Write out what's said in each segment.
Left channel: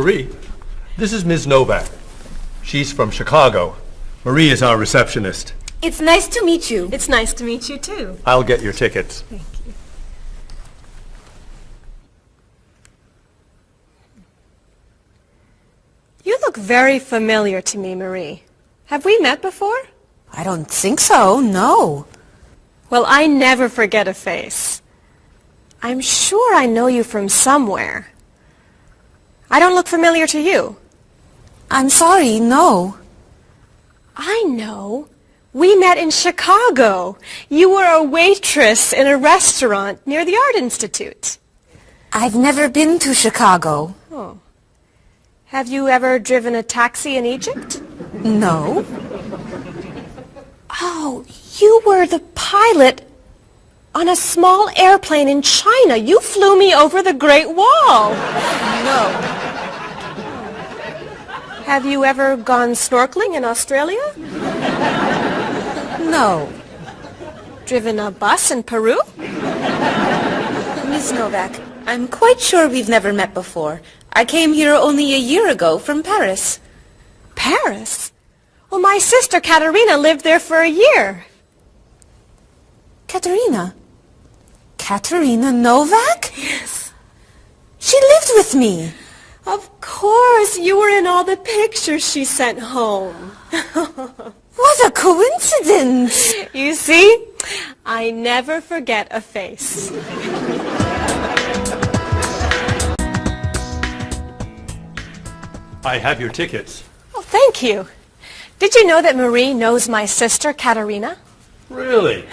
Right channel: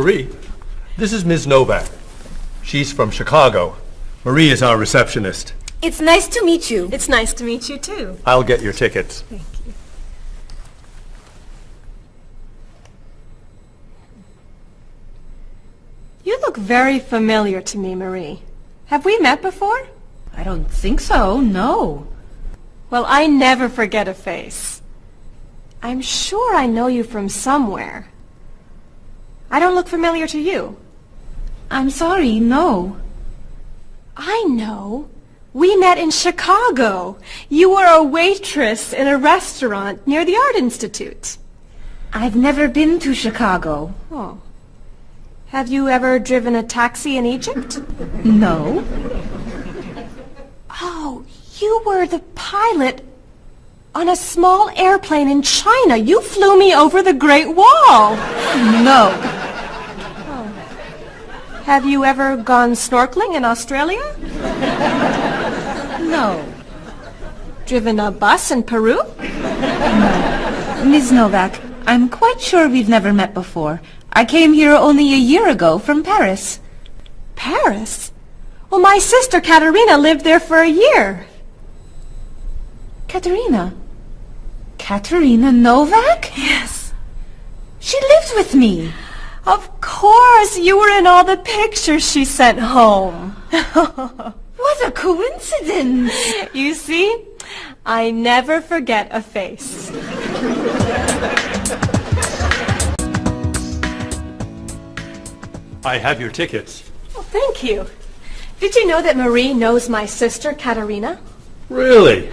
Marie, this is Ms. Novak. She's from Chicago. Marie is our receptionist. It's nice to meet you. It's nice to meet you, too. I'll get your tickets. Thank you. You look very familiar to me, Marie. Have we met before? I don't think so, no. Well, I never forget a face. I'm sure I know you from somewhere. I don't look familiar to you. I'm sorry, no. I know. We met in Chicago. You were a waitress in a restaurant near the Art Institute. I've never been to Chicago. Oh. Have you ever driven a taxi in Egypt? No. Oh, you were the pilot on a small airplane in China. You flew me over the Great Wall. No. Have you ever gone snorkeling in Australia? No. Driven a bus in Peru? Ms. Novak, I'm quite sure we've never met before. I came here only a year ago from Paris. Paris? Well, my sister Katerina lived there for a year. Katerina? Katerina Novak? Yes. She lived with me. Of course, you were in all the pictures she sent home. What a coincidence. You see, I never forget a face. I have your tickets. Oh, thank you. Did you know that Marie knows my sister Katerina? Really?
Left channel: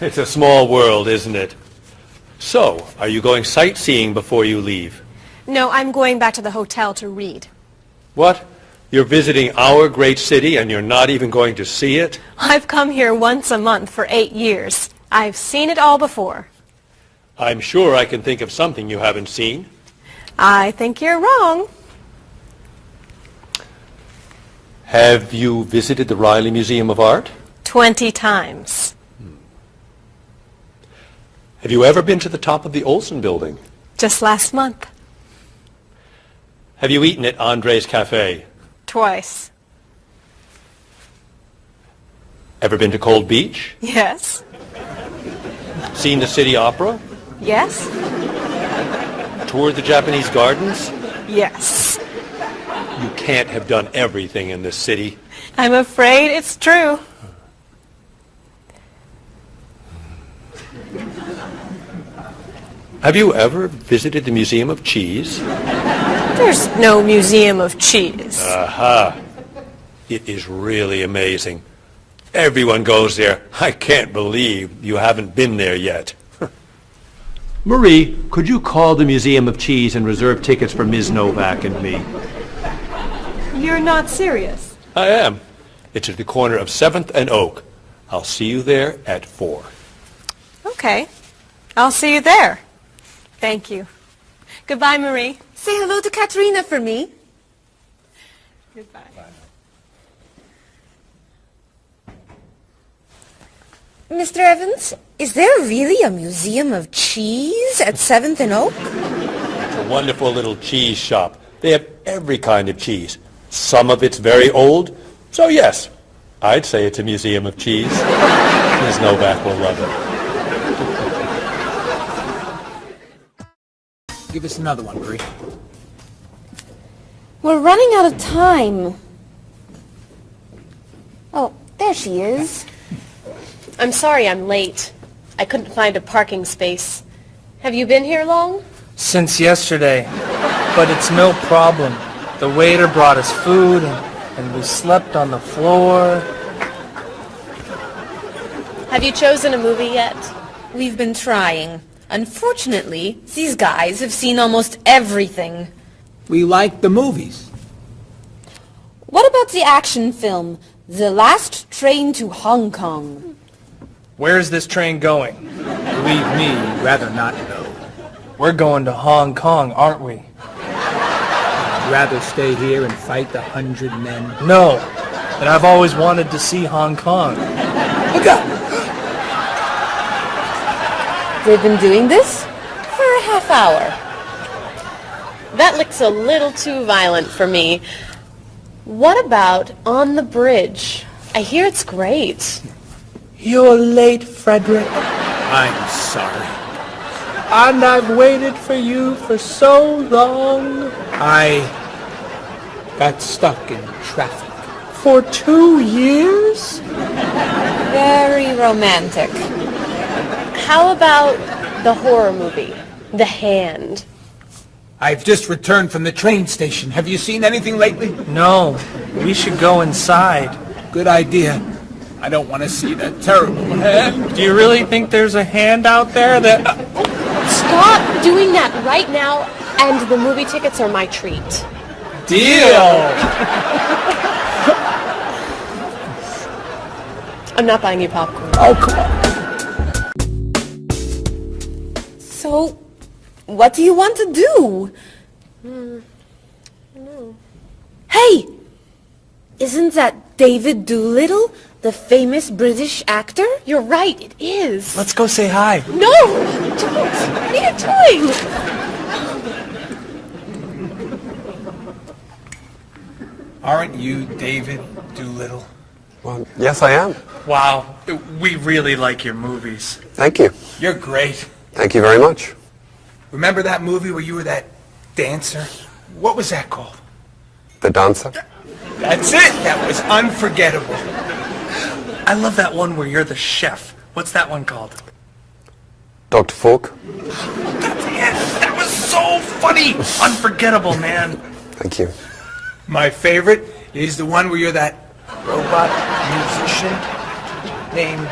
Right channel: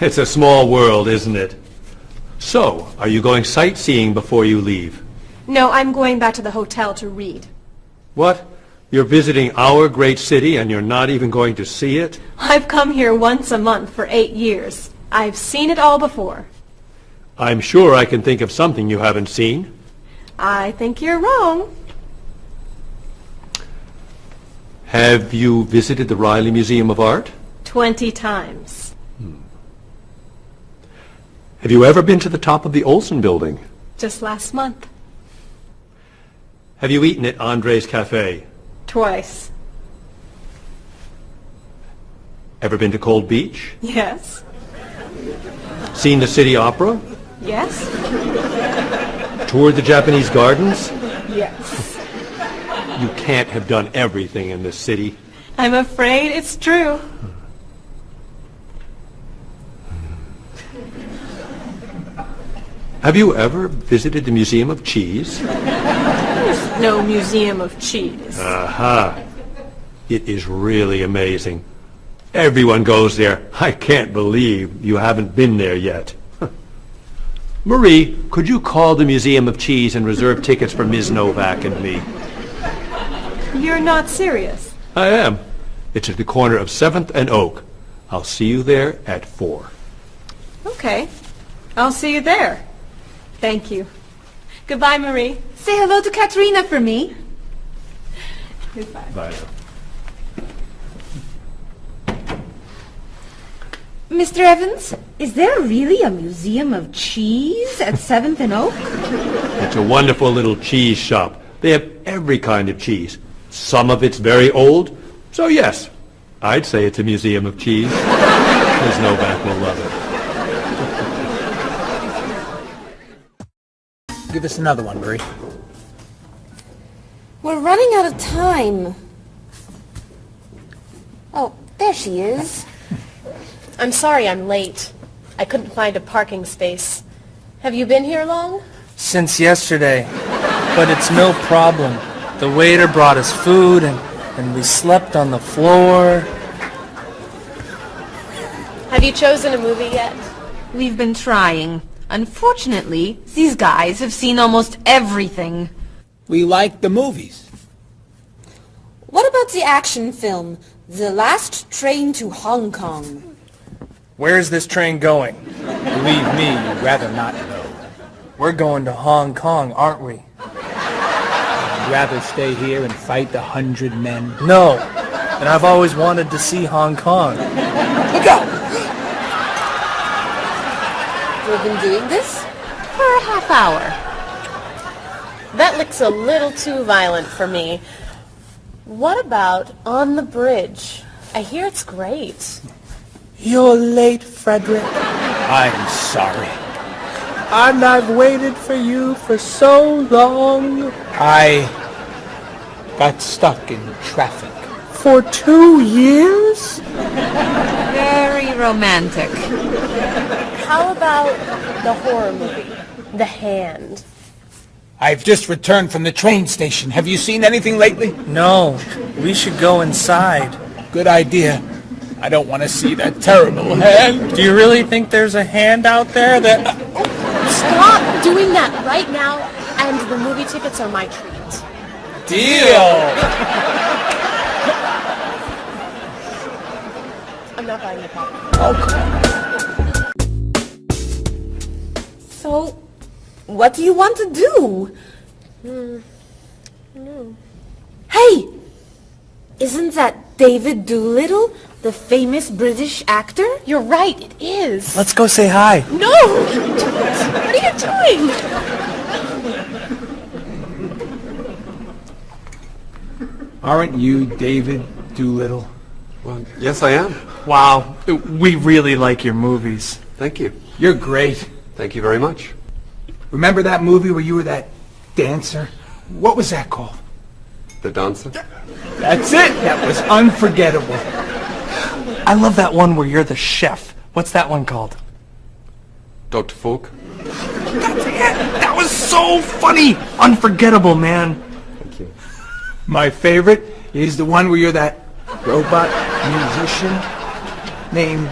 It's a small world, isn't it? So, are you going sightseeing before you leave? No, I'm going back to the hotel to read. What? You're visiting our great city and you're not even going to see it? I've come here once a month for 8 years. I've seen it all before. I'm sure I can think of something you haven't seen. I think you're wrong. Have you visited the Riley Museum of Art? 20 times. Have you ever been to the top of the Olson building? Just last month. Have you eaten at Andre's Cafe? Twice. Ever been to Cold Beach? Yes. Seen the City Opera? Yes. Toured the Japanese gardens? Yes. You can't have done everything in this city. I'm afraid it's true. Have you ever visited the Museum of Cheese? There's no museum of cheese. Aha. It is really amazing. Everyone goes there. I can't believe you haven't been there yet. Marie, could you call the Museum of Cheese and reserve tickets for Ms. Novak and me? You're not serious. I am. It's at the corner of 7th and Oak. I'll see you there at 4. Okay. I'll see you there. Thank you. Goodbye, Marie. Say hello to Katerina for me. Goodbye. Bye. Mr. Evans, is there really a museum of cheese at 7th and Oak? It's a wonderful little cheese shop. They have every kind of cheese. Some of it's very old. So yes, I'd say it's a museum of cheese. Ms. Novak will love it. Give us another one, Marie. We're running out of time. Oh, there she is. I'm sorry I'm late. I couldn't find a parking space. Have you been here long? Since yesterday. But it's no problem. The waiter brought us food and we slept on the floor. Have you chosen a movie yet? We've been trying. Unfortunately, these guys have seen almost everything. We like the movies. What about the action film, The Last Train to Hong Kong? Where's this train going? Believe me, you'd rather not know. We're going to Hong Kong, aren't we? Rather stay here and fight the 100 men? No, but I've always wanted to see Hong Kong. Look out! We've been doing this for a half hour. That Catholics a little too violent for me. What about On the Bridge? I hear it's great. You're late, Frederick. I'm sorry. And I've waited for you for so long. I got stuck in traffic for 2 years. Very romantic. How about the horror movie, The Hand? I've just returned from the train station. Have you seen anything lately? No, we should go inside. Good idea. I don't want to see that terrible hand. Do you really think there's a hand out there that... Stop doing that right now, and the movie tickets are my treat. Deal! I'm not buying you popcorn. Oh, come on. So, what do you want to do? Hey! Isn't that David Doolittle, the famous British actor? You're right, it is. Let's go say hi. No! What are you doing? Aren't you David Doolittle? Well, yes, I am. Wow, we really like your movies. Thank you. You're great. Thank you very much. Remember that movie where you were that dancer? What was that called? The dancer? That's it. That was unforgettable. I love that one where you're the chef. What's that one called? Dr. Falk? That was so funny! Unforgettable, man. Thank you. My favorite is the one where you're that robot musician named...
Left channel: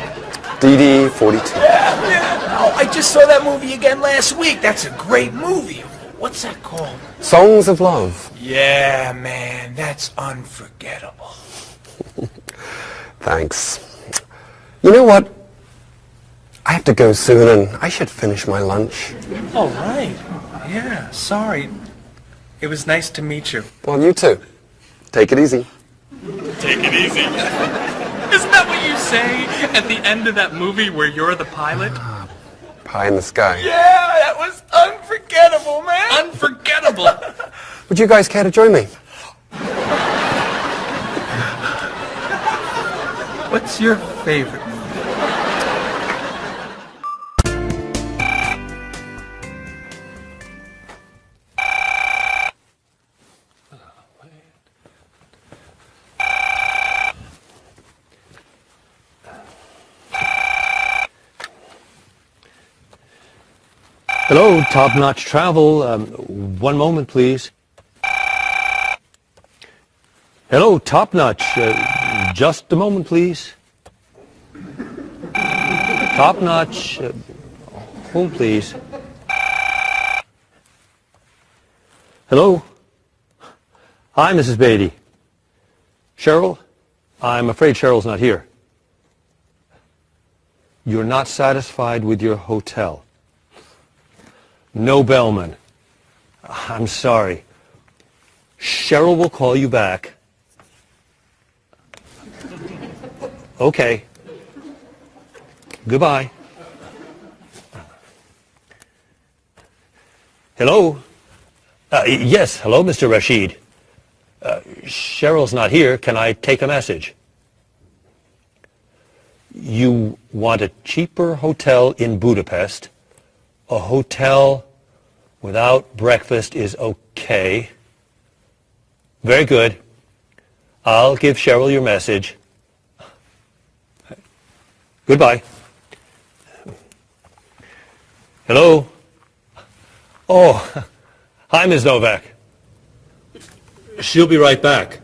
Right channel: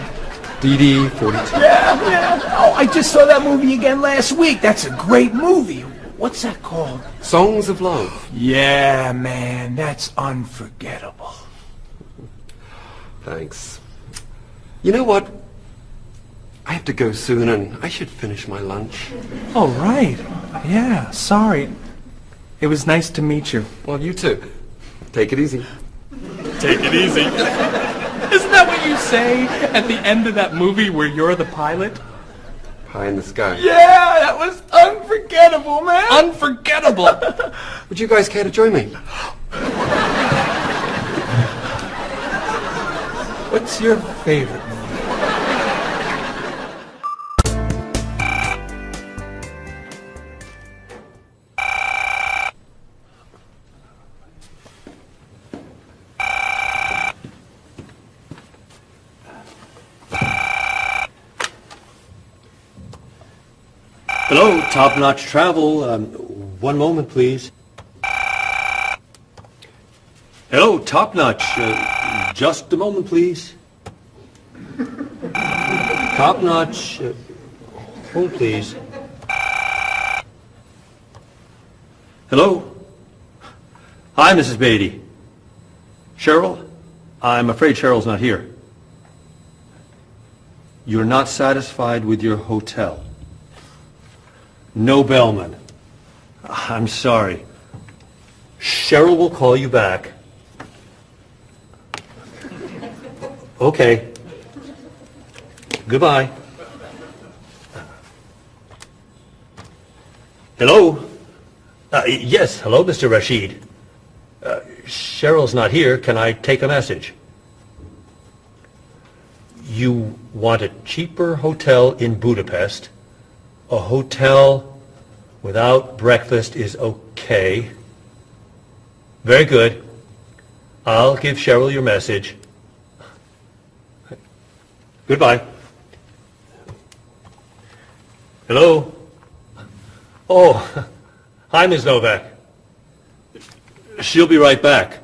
DD-42. Oh, I just saw that movie again last week. That's a great movie. What's that called? Songs of Love. Yeah, man, that's unforgettable. Thanks. You know what? I have to go soon and I should finish my lunch. Oh, right. Yeah, sorry. It was nice to meet you. Well, you too. Take it easy. Take it easy. Isn't that what you say at the end of that movie where you're the pilot? Pie in the sky. Yeah, that was unforgettable, man. Unforgettable. Would you guys care to join me? What's your favorite? Hello, Top Notch Travel. One moment, please. Hello, Top Notch. Just a moment, please. Top Notch. Hold, please. Hello? Hi, Mrs. Beatty. Cheryl? I'm afraid Cheryl's not here. You're not satisfied with your hotel? No bellman. I'm sorry. Cheryl will call you back. Okay. Goodbye. Hello? Yes, hello, Mr. Rashid. Cheryl's not here. Can I take a message? You want a cheaper hotel in Budapest? A hotel without breakfast is okay. Very good. I'll give Cheryl your message. Goodbye. Hello? Oh, hi, Ms. Novak. She'll be right back.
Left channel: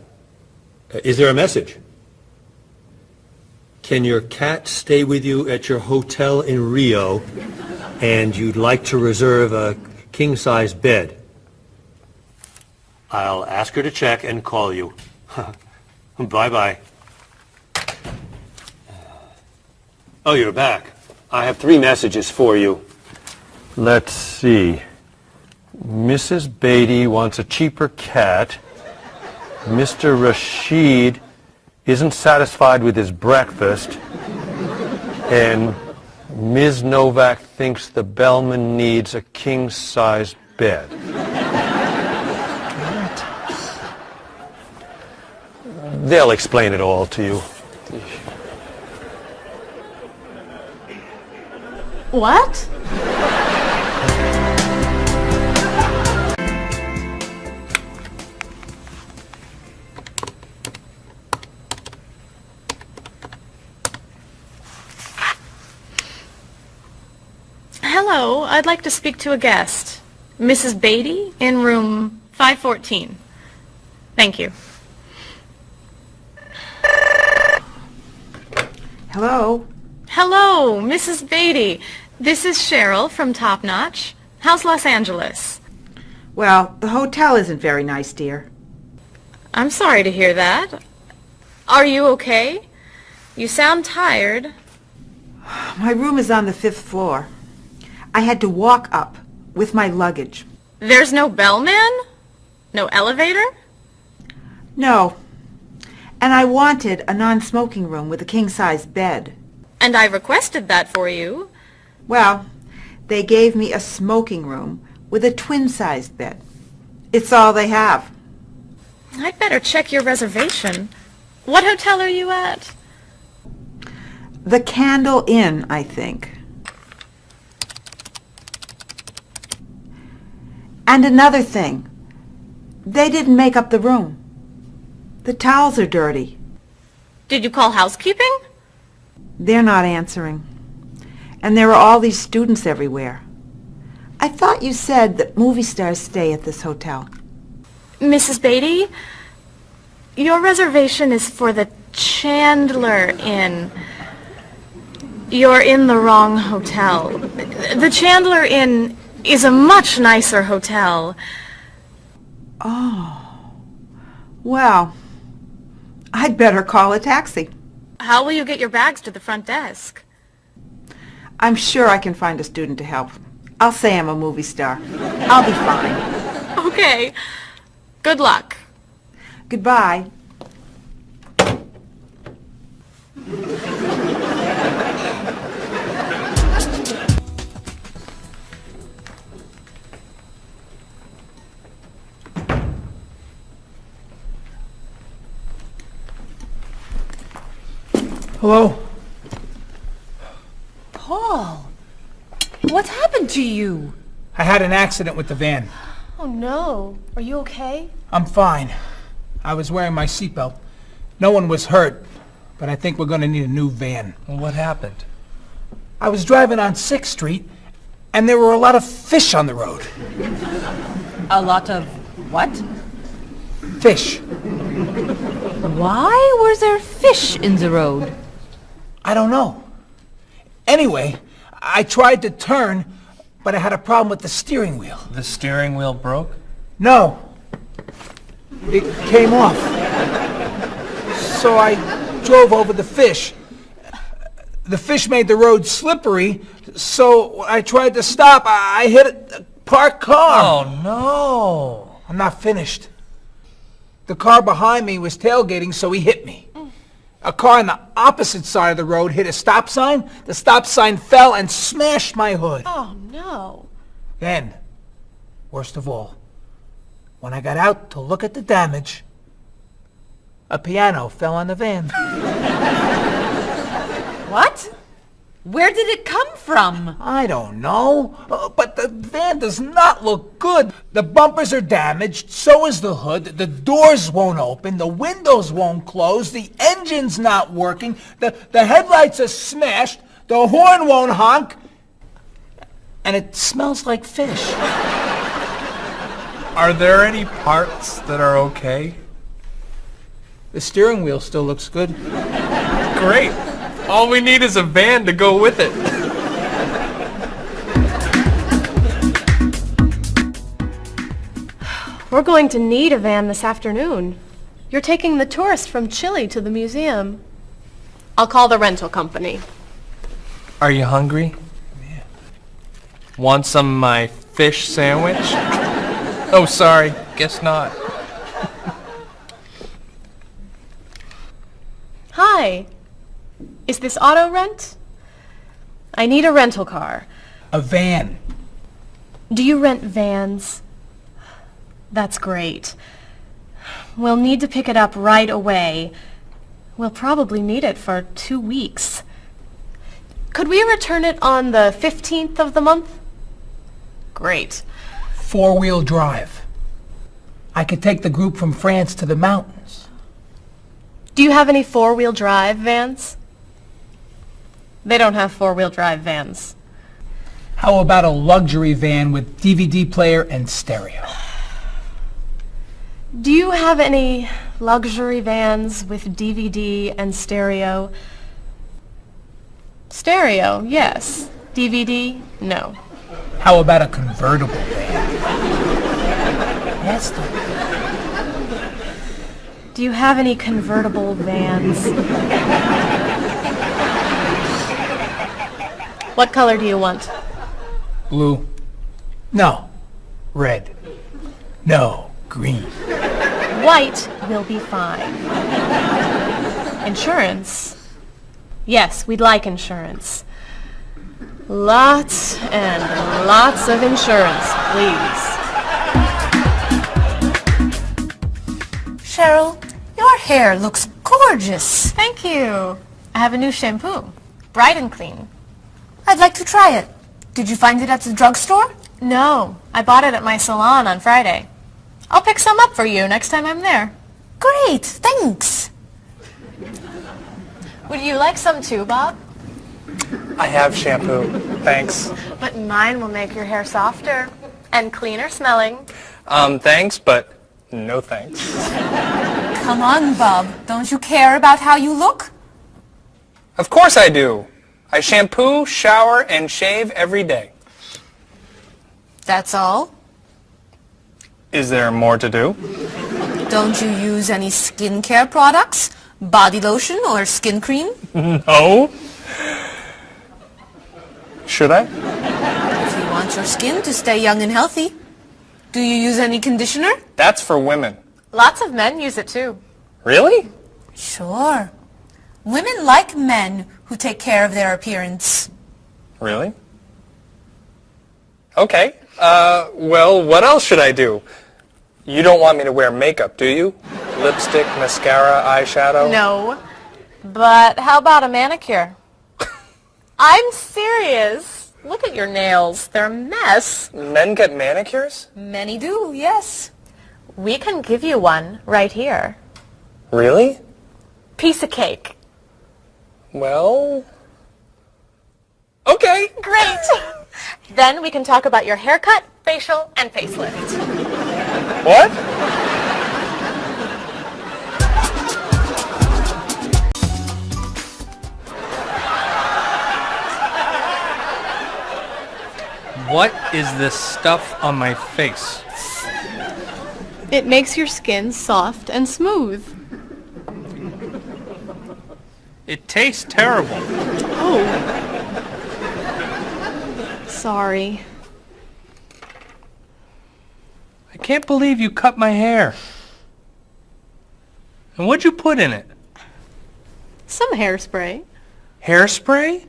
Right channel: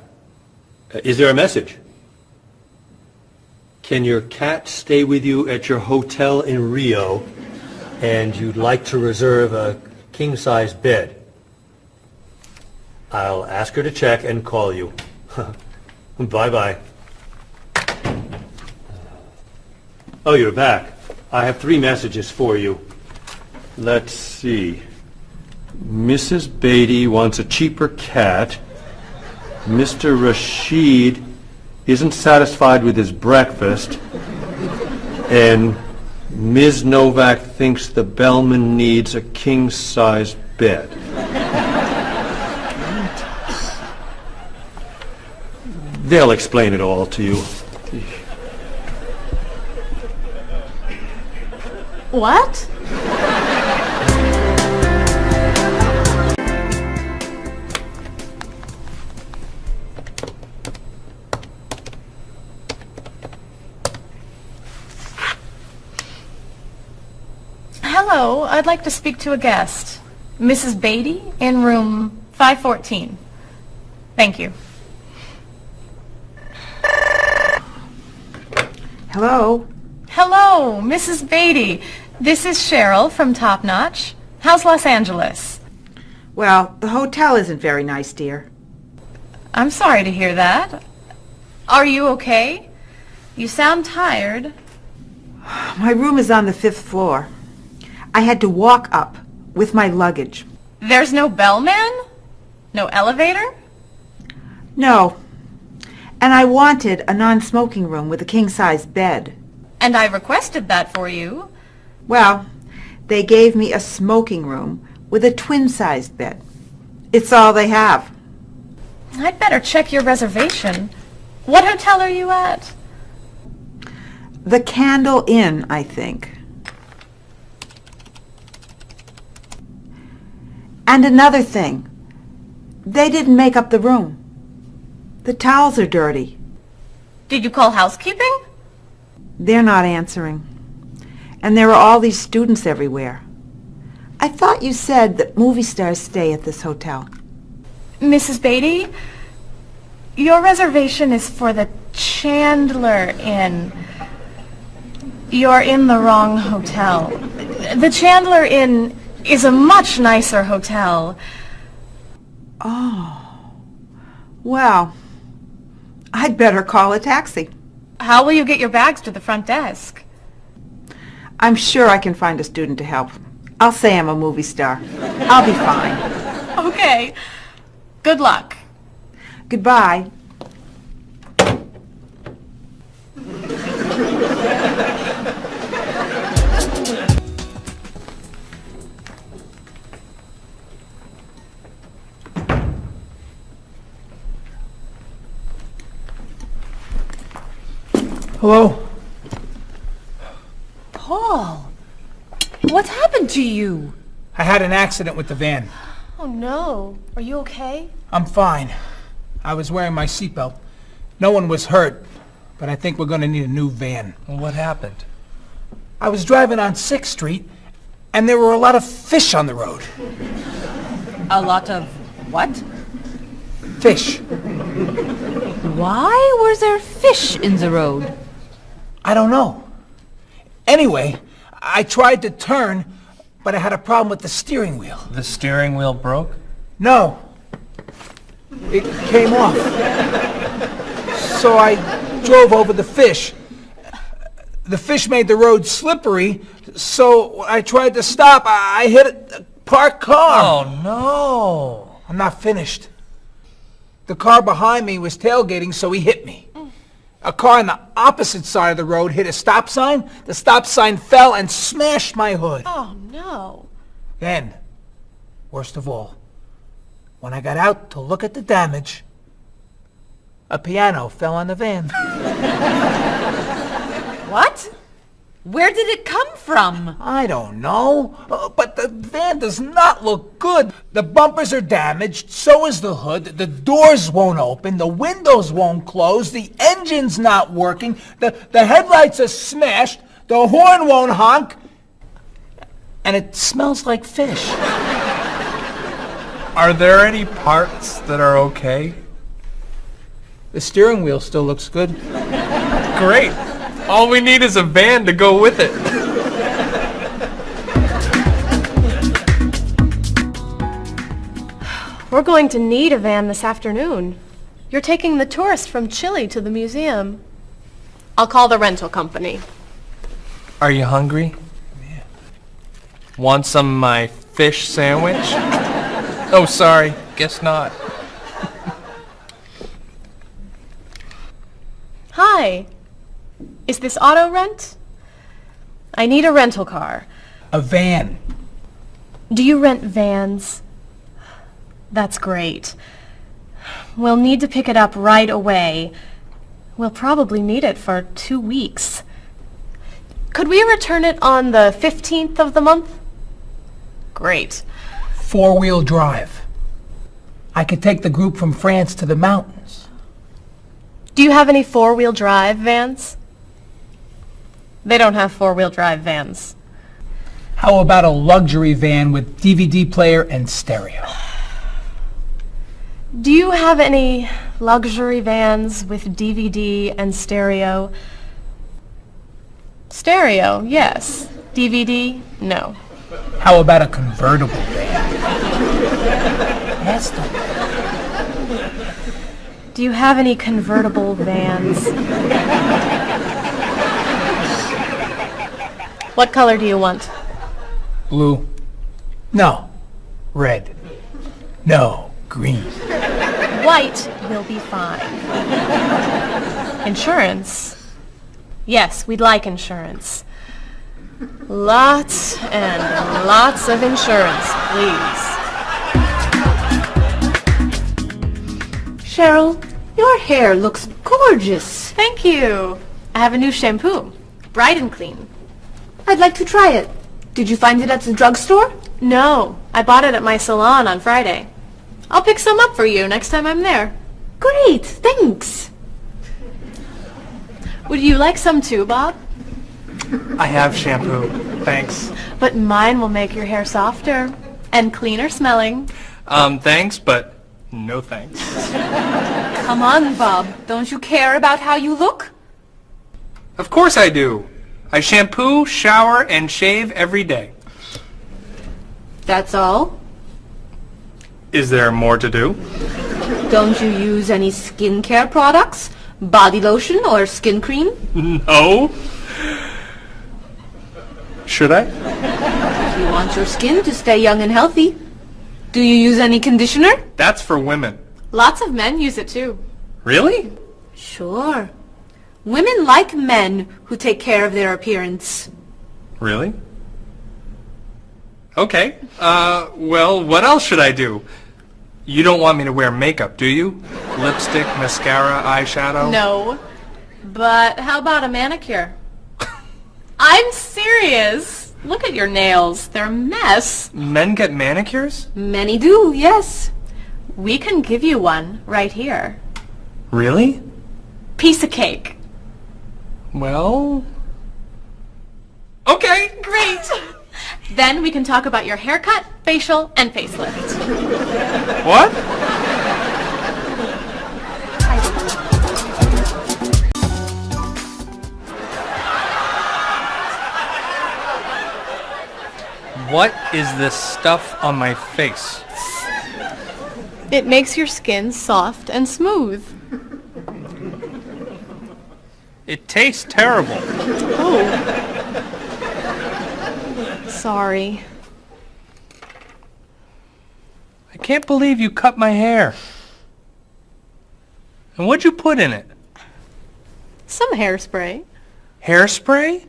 Is there a message? Can your cat stay with you at your hotel in Rio, and you'd like to reserve a king-size bed? I'll ask her to check and call you. Bye-bye. Oh, you're back. I have 3 messages for you. Let's see. Mrs. Beatty wants a cheaper cat. Mr. Rashid isn't satisfied with his breakfast. And Ms. Novak thinks the bellman needs a king-size bed. They'll explain it all to you. What? Hello, I'd like to speak to a guest. Mrs. Beatty in room 514. Thank you. Hello? Hello, Mrs. Beatty. This is Cheryl from Top Notch. How's Los Angeles? Well, the hotel isn't very nice, dear. I'm sorry to hear that. Are you okay? You sound tired. My room is on the 5th floor. I had to walk up with my luggage. There's no bellman? No elevator? No. And I wanted a non-smoking room with a king-size bed. And I requested that for you. Well, they gave me a smoking room with a twin-sized bed. It's all they have. I'd better check your reservation. What hotel are you at? The Candle Inn, I think. And another thing. They didn't make up the room. The towels are dirty. Did you call housekeeping? They're not answering. And there are all these students everywhere. I thought you said that movie stars stay at this hotel. Mrs. Beatty, your reservation is for the Chandler Inn. You're in the wrong hotel. The Chandler Inn is a much nicer hotel. Oh. Well, I'd better call a taxi. How will you get your bags to the front desk? I'm sure I can find a student to help. I'll say I'm a movie star. I'll be fine. Okay. Good luck. Goodbye. Hello? Paul, what's happened to you? I had an accident with the van. Oh, no. Are you okay? I'm fine. I was wearing my seatbelt. No one was hurt, but I think we're going to need a new van. Well, what happened? I was driving on 6th Street, and there were a lot of fish on the road. A lot of what? Fish. Why was there fish in the road? I don't know. Anyway, I tried to turn, but I had a problem with the steering wheel. The steering wheel broke? No. It came off. So I drove over the fish. The fish made the road slippery, so when I tried to stop, I hit a parked car. Oh, no. I'm not finished. The car behind me was tailgating, so he hit me. A car on the opposite side of the road hit a stop sign. The stop sign fell and smashed my hood. Oh, no. Then, worst of all, when I got out to look at the damage, a piano fell on the van. What? Where did it come from? I don't know, but the van does not look good. The bumpers are damaged, so is the hood, the doors won't open, the windows won't close, the engine's not working, the headlights are smashed, the horn won't honk, and it smells like fish. Are there any parts that are okay? The steering wheel still looks good. Great. All we need is a van to go with it. We're going to need a van this afternoon. You're taking the tourist from Chile to the museum. I'll call the rental company. Are you hungry? Yeah. Want some of my fish sandwich? Oh, sorry. Guess not. Hi. Is this auto rent? I need a rental car. A van. Do you rent vans? That's great. We'll need to pick it up right away. We'll probably need it for 2 weeks. Could we return it on the 15th of the month? Great. 4-wheel drive. I could take the group from France to the mountains. Do you have any 4-wheel drive vans? They don't have 4-wheel drive vans. How about a luxury van with DVD player and stereo? Do you have any luxury vans with DVD and stereo? Stereo, yes. DVD, no. How about a convertible van? Yes, don't. Do you have any convertible vans? What color do you want? Blue. No. Red. No. Green. White will be fine. Insurance? Yes, we'd like insurance. Lots and lots of insurance, please. Cheryl, your hair looks gorgeous. Thank you. I have a new shampoo. Bright and clean. I'd like to try it. Did you find it at the drugstore? No, I bought it at my salon on Friday. I'll pick some up for you next time I'm there. Great, thanks. Would you like some too, Bob? I have shampoo. Thanks. But mine will make your hair softer and cleaner smelling. Thanks, but no thanks. Come on, Bob. Don't you care about how you look? Of course I do. I shampoo, shower, and shave every day. That's all? Is there more to do? Don't you use any skincare products? Body lotion or skin cream? No. Should I? If you want your skin to stay young and healthy. Do you use any conditioner? That's for women. Lots of men use it too. Really? Sure. Women like men who take care of their appearance. Really? Okay. Well, what else should I do? You don't want me to wear makeup, do you? Lipstick, mascara, eyeshadow? No. But how about a manicure? I'm serious. Look at your nails. They're a mess. Men get manicures? Many do, yes. We can give you one right here. Really? Piece of cake. Well... Okay. Great. Then we can talk about your haircut, facial, and facelift. What? What is this stuff on my face? It makes your skin soft and smooth. It tastes terrible. Oh. Sorry. I can't believe you cut my hair. And what'd you put in it? Some hairspray. Hairspray?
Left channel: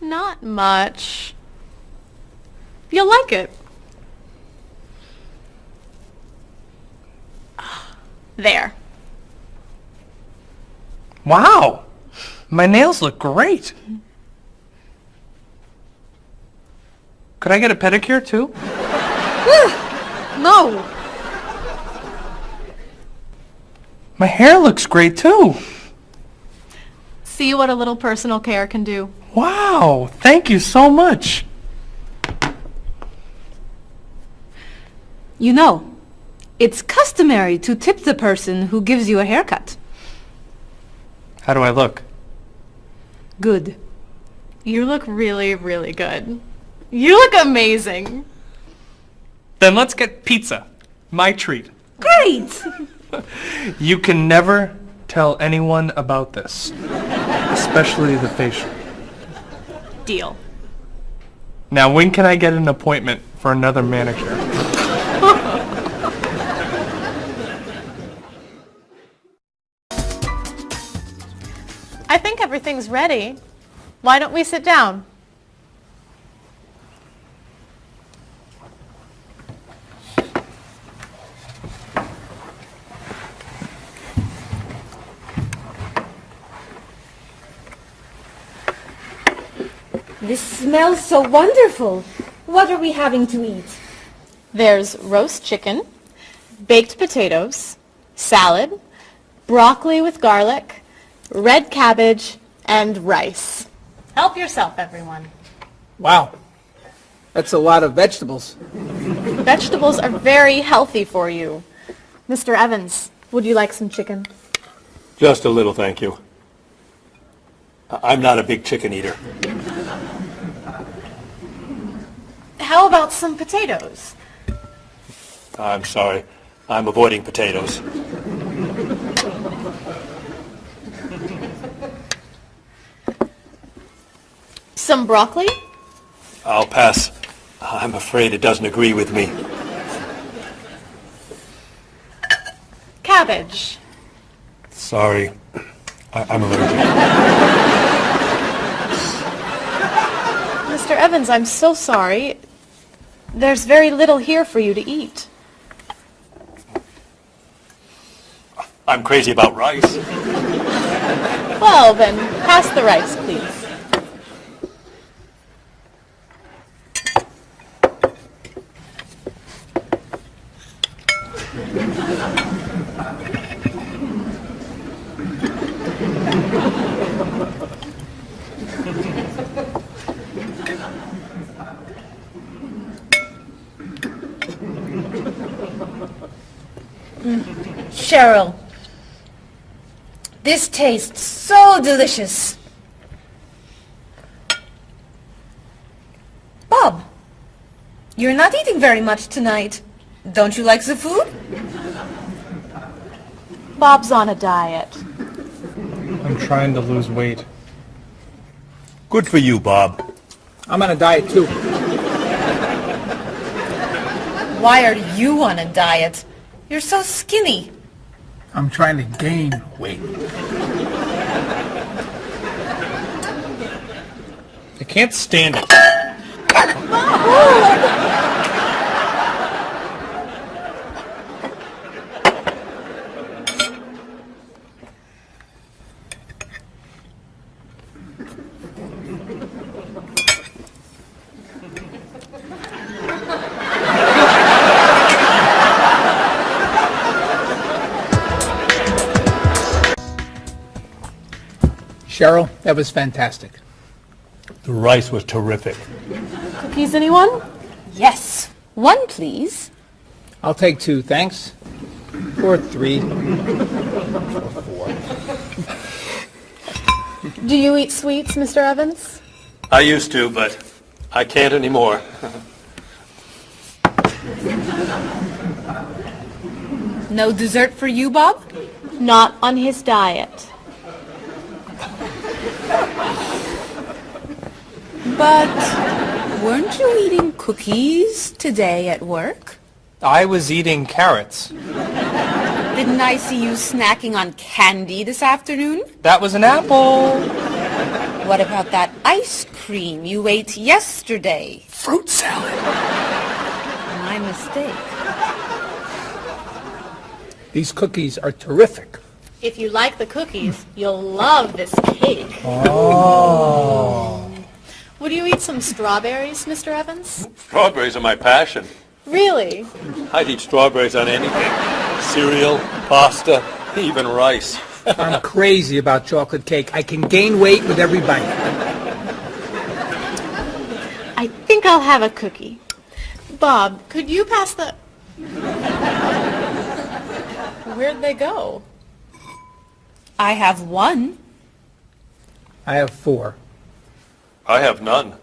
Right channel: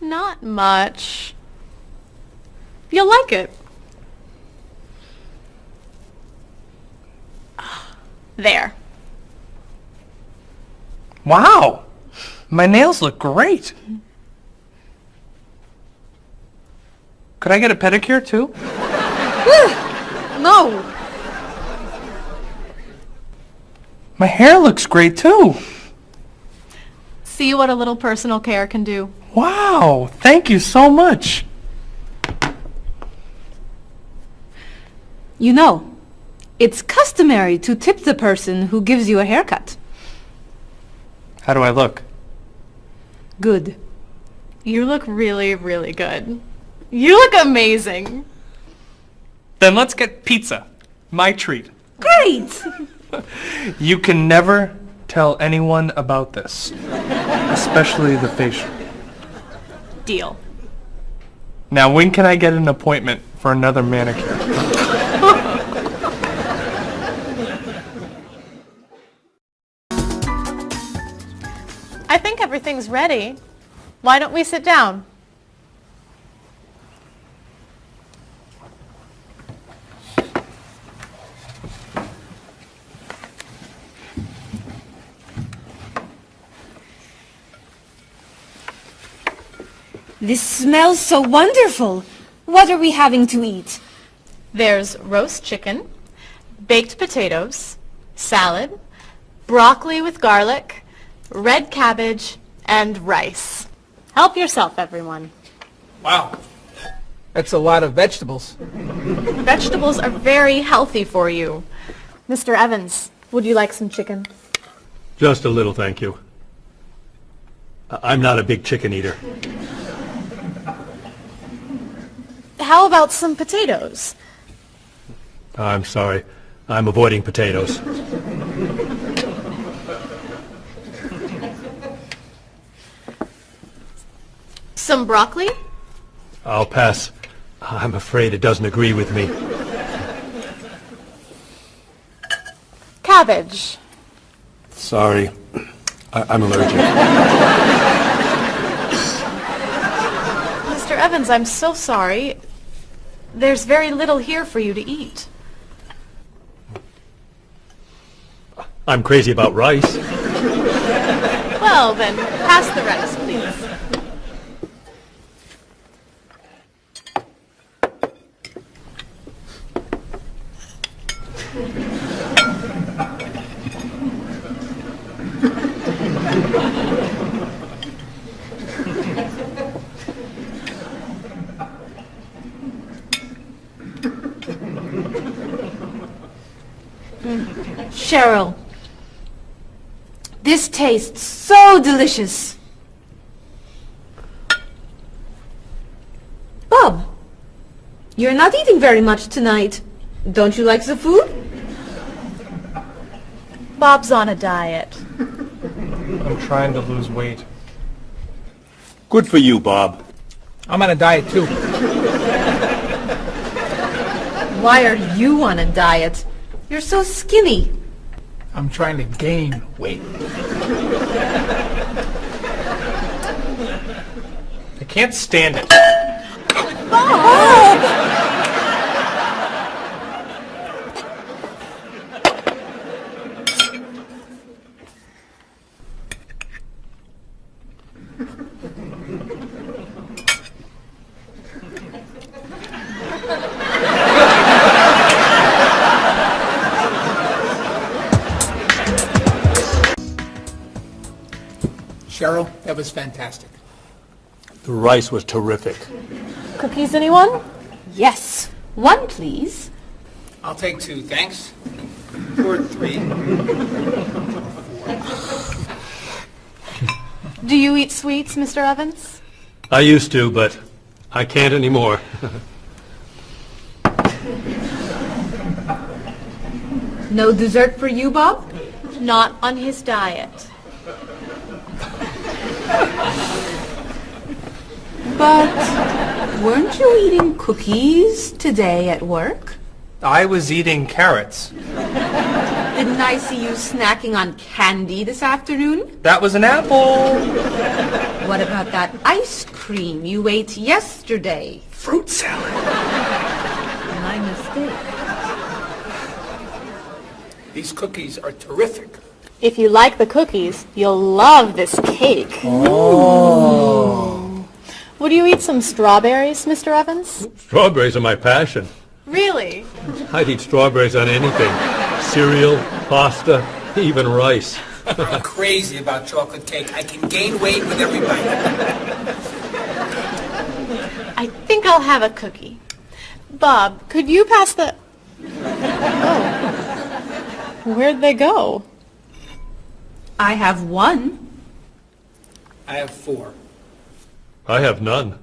Not much. You'll like it. There. Wow! My nails look great. Could I get a pedicure too? No. My hair looks great too. See what a little personal care can do. Wow! Thank you so much. You know, it's customary to tip the person who gives you a haircut. How do I look? Good. You look really, really good. You look amazing. Then let's get pizza. My treat. Great! You can never tell anyone about this. Especially the facial. Deal. Now when can I get an appointment for another manicure? I think everything's ready. Why don't we sit down? This smells so wonderful. What are we having to eat? There's roast chicken, baked potatoes, salad, broccoli with garlic, red cabbage, and rice. Help yourself, everyone. Wow. That's a lot of vegetables. Vegetables are very healthy for you. Mr. Evans, would you like some chicken? Just a little, thank you. I'm not a big chicken eater. How about some potatoes? I'm sorry. I'm avoiding potatoes. Some broccoli? I'll pass. I'm afraid it doesn't agree with me. Cabbage. Sorry. I'm allergic. Mr. Evans, I'm so sorry. There's very little here for you to eat. I'm crazy about rice. Well, then, pass the rice, please. Cheryl, this tastes so delicious. Bob, you're not eating very much tonight. Don't you like the food? Bob's on a diet. I'm trying to lose weight. Good for you, Bob. I'm on a diet too. Why are you on a diet? You're so skinny. I'm trying to gain weight. I can't stand it. Cheryl, that was fantastic. The rice was terrific. Cookies, anyone? Yes. One, please. I'll take 2, thanks. Or 3. Do you eat sweets, Mr. Evans? I used to, but I can't anymore. No dessert for you, Bob? Not on his diet. But weren't you eating cookies today at work? I was eating carrots. Didn't I see you snacking on candy this afternoon? That was an apple. What about that ice cream you ate yesterday? Fruit salad. My mistake. These cookies are terrific. If you like the cookies, you'll love this cake. Oh. Would you eat some strawberries, Mr. Evans? Strawberries are my passion. Really? I'd eat strawberries on anything. Cereal, pasta, even rice. I'm crazy about chocolate cake. I can gain weight with every bite. I think I'll have a cookie. Bob, could you pass the... Oh. Where'd they go? I have 1. I have 4. I have none.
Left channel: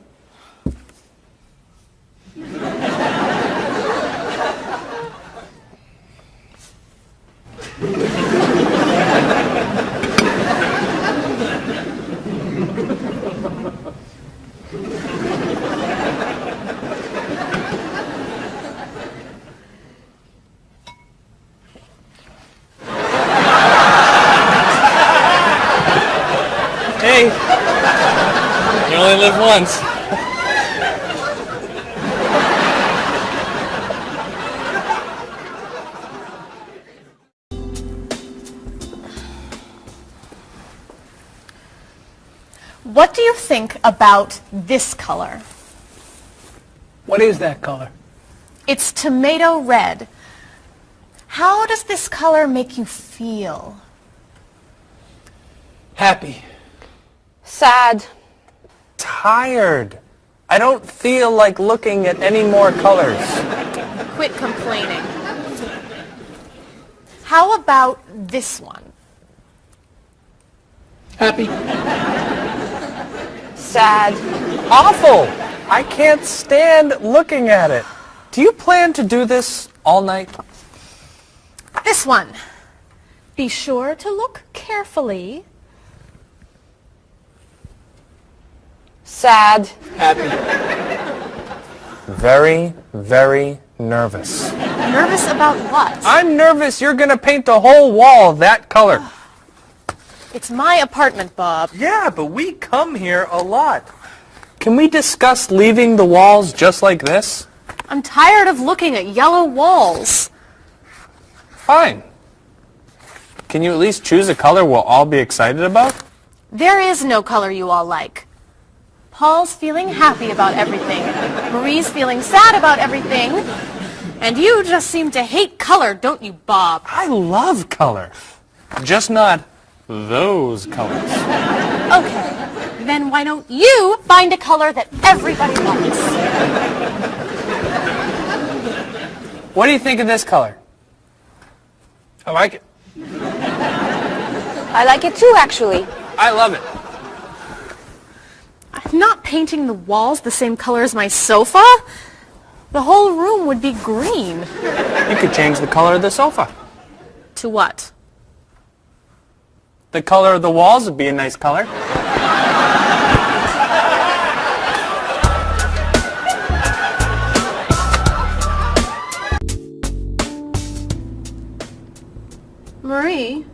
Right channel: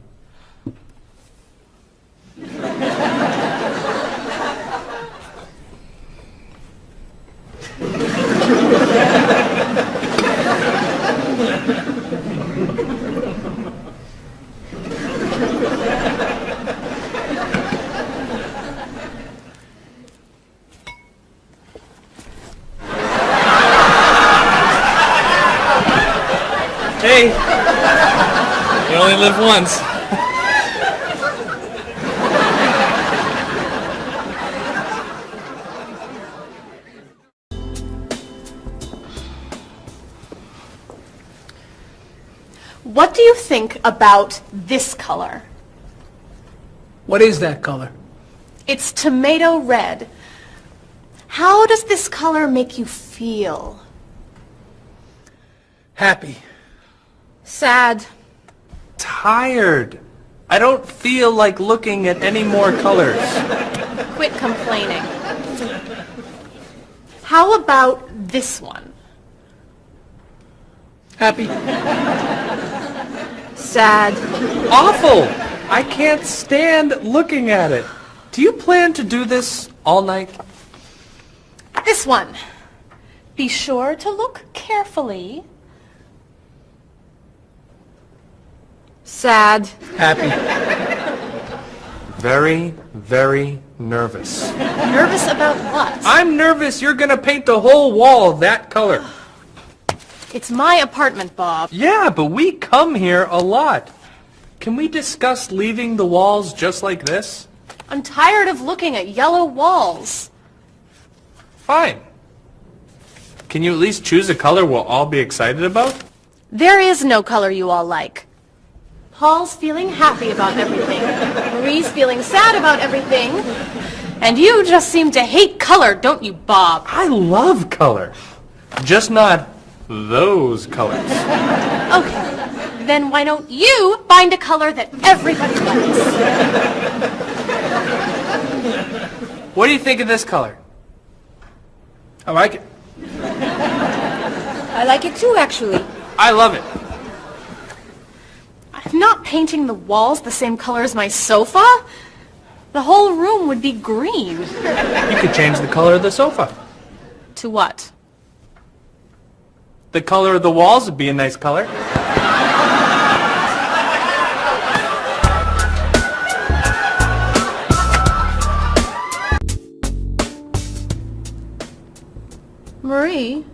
Hey, we only live once. What do you think about this color? What is that color? It's tomato red. How does this color make you feel? Happy. Sad. Tired. I don't feel like looking at any more colors. Quit complaining. How about this one? Happy. Sad. Awful. I can't stand looking at it. Do you plan to do this all night? This one. Be sure to look carefully. Sad. Happy. Very, very nervous. Nervous about what? I'm nervous you're going to paint the whole wall that color. It's my apartment, Bob. Yeah, but we come here a lot. Can we discuss leaving the walls just like this? I'm tired of looking at yellow walls. Fine. Can you at least choose a color we'll all be excited about? There is no color you all like. Paul's feeling happy about everything. Marie's feeling sad about everything. And you just seem to hate color, don't you, Bob? I love color. Just not those colors. Okay. Then why don't you find a color that everybody likes? What do you think of this color? I like it. I like it too, actually. I love it. I'm not painting the walls the same color as my sofa. The whole room would be green. You could change the color of the sofa. To what? The color of the walls would be a nice color. Marie,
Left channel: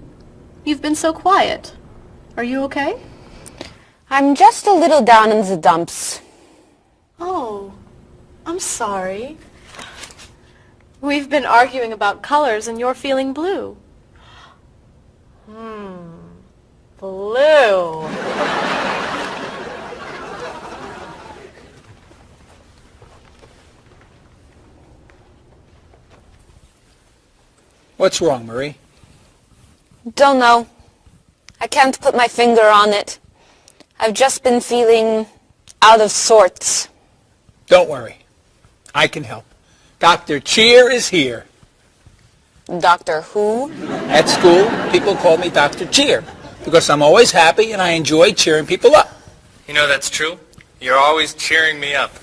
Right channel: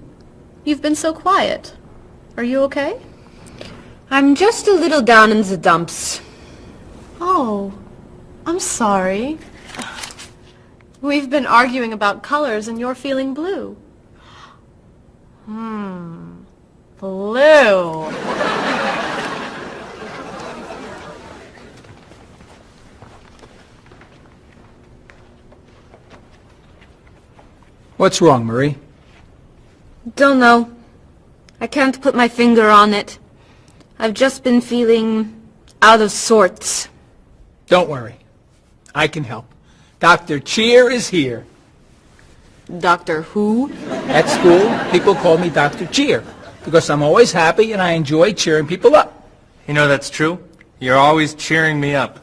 you've been so quiet. Are you okay? I'm just a little down in the dumps. Oh, I'm sorry. We've been arguing about colors and you're feeling blue. Blue. What's wrong, Marie? Don't know. I can't put my finger on it. I've just been feeling out of sorts. Don't worry. I can help. Dr. Cheer is here. Doctor who? At school, people call me Dr. Cheer because I'm always happy and I enjoy cheering people up. You know that's true. You're always cheering me up.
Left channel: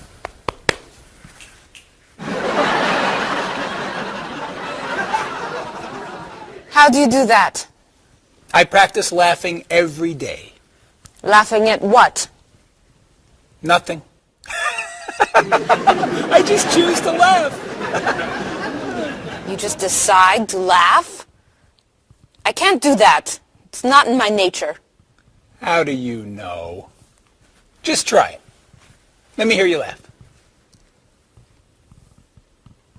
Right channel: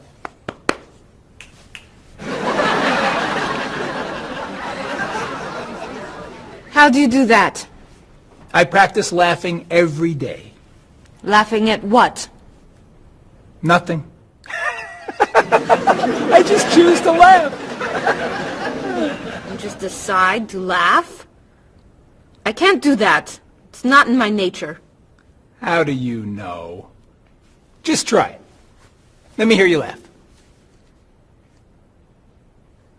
How do you do that? I practice laughing every day. Laughing at what? Nothing. I just choose to laugh. You just decide to laugh? I can't do that. It's not in my nature. How do you know? Just try. Let me hear you laugh.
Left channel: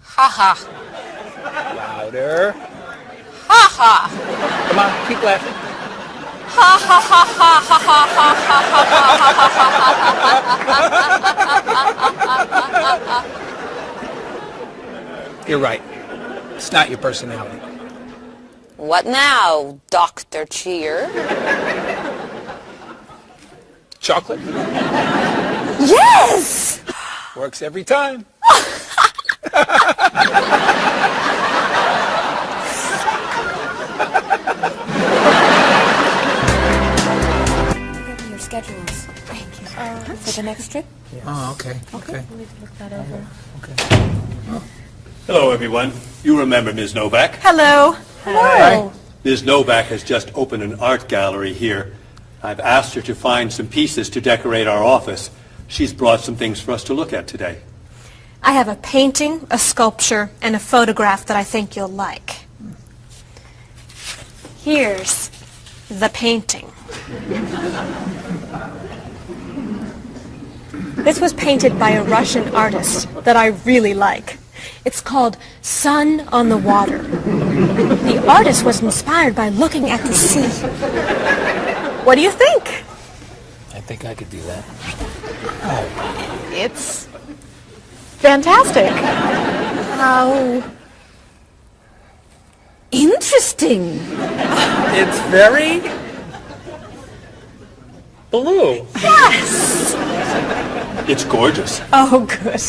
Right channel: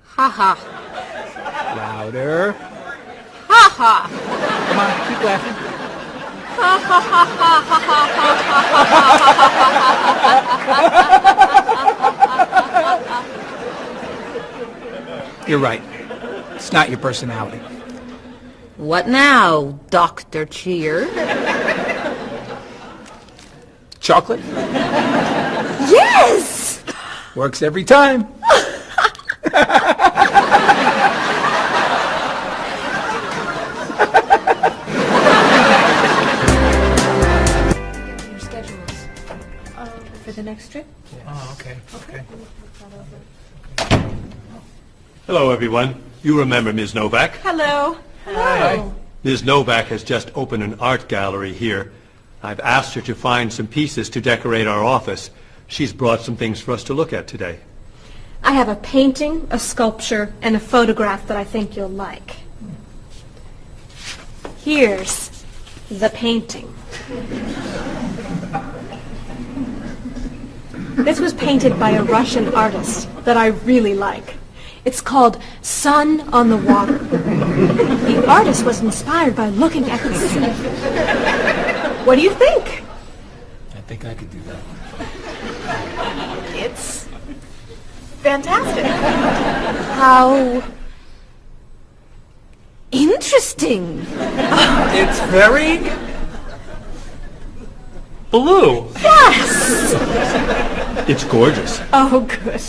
Ha ha. Louder. Ha ha. Come on, keep laughing. Ha ha ha ha ha ha. You're right. It's not your personality. What now, Dr. Cheer? Chocolate? Yes! Works every time. Your schedules. For the next trip? Oh, okay. Hello, everyone. You remember Ms. Novak? Hello. Hello. Ms. Novak has just opened an art gallery here. I've asked her to find some pieces to decorate our office. She's brought some things for us to look at today. I have a painting, a sculpture, and a photograph that I think you'll like. Here's the painting. This was painted by a Russian artist that I really like. It's called Sun on the Water. The artist was inspired by looking at the sea. What do you think? I think I could do that. It's fantastic. How interesting. It's very blue. Yes! It's gorgeous. Oh, good.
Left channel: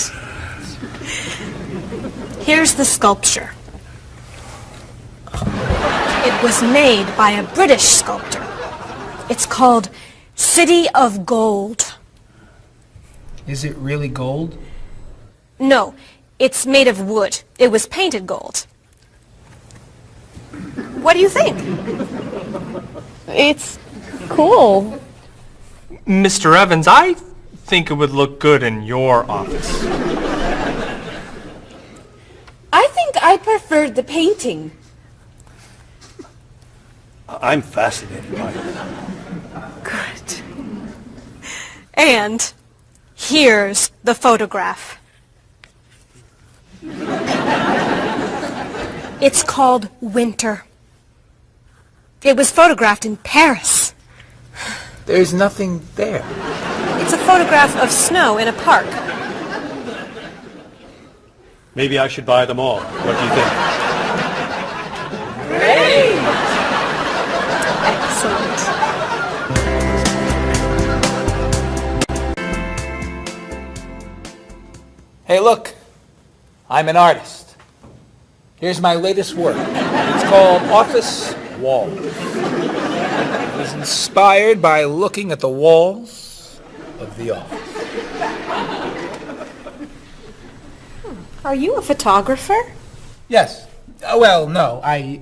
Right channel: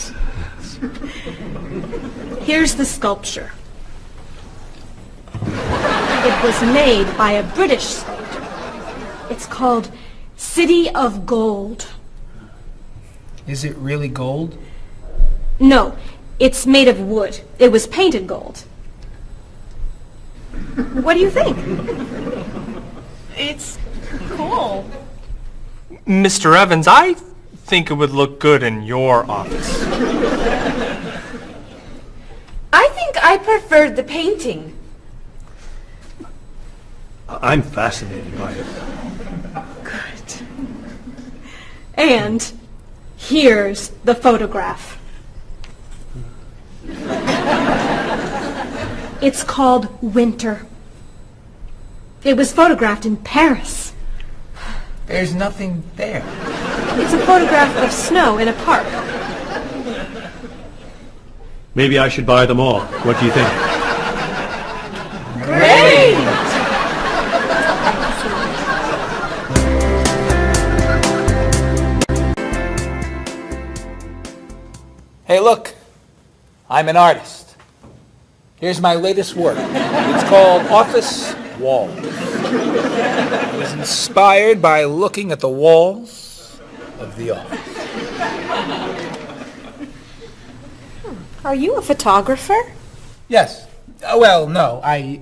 Here's the sculpture. It was made by a British sculptor. It's called City of Gold. Is it really gold? No, it's made of wood. It was painted gold. What do you think? It's cool. Mr. Evans, I think it would look good in your office. I think I preferred the painting. I'm fascinated by it. Good. And here's the photograph. It's called Winter. It was photographed in Paris. There's nothing there. It's a photograph of snow in a park. Maybe I should buy them all. What do you think? Great! Hey, look. I'm an artist. Here's my latest work. It's called Office Walls. It was inspired by looking at the walls of the office. Are you a photographer? Yes. Well, no. I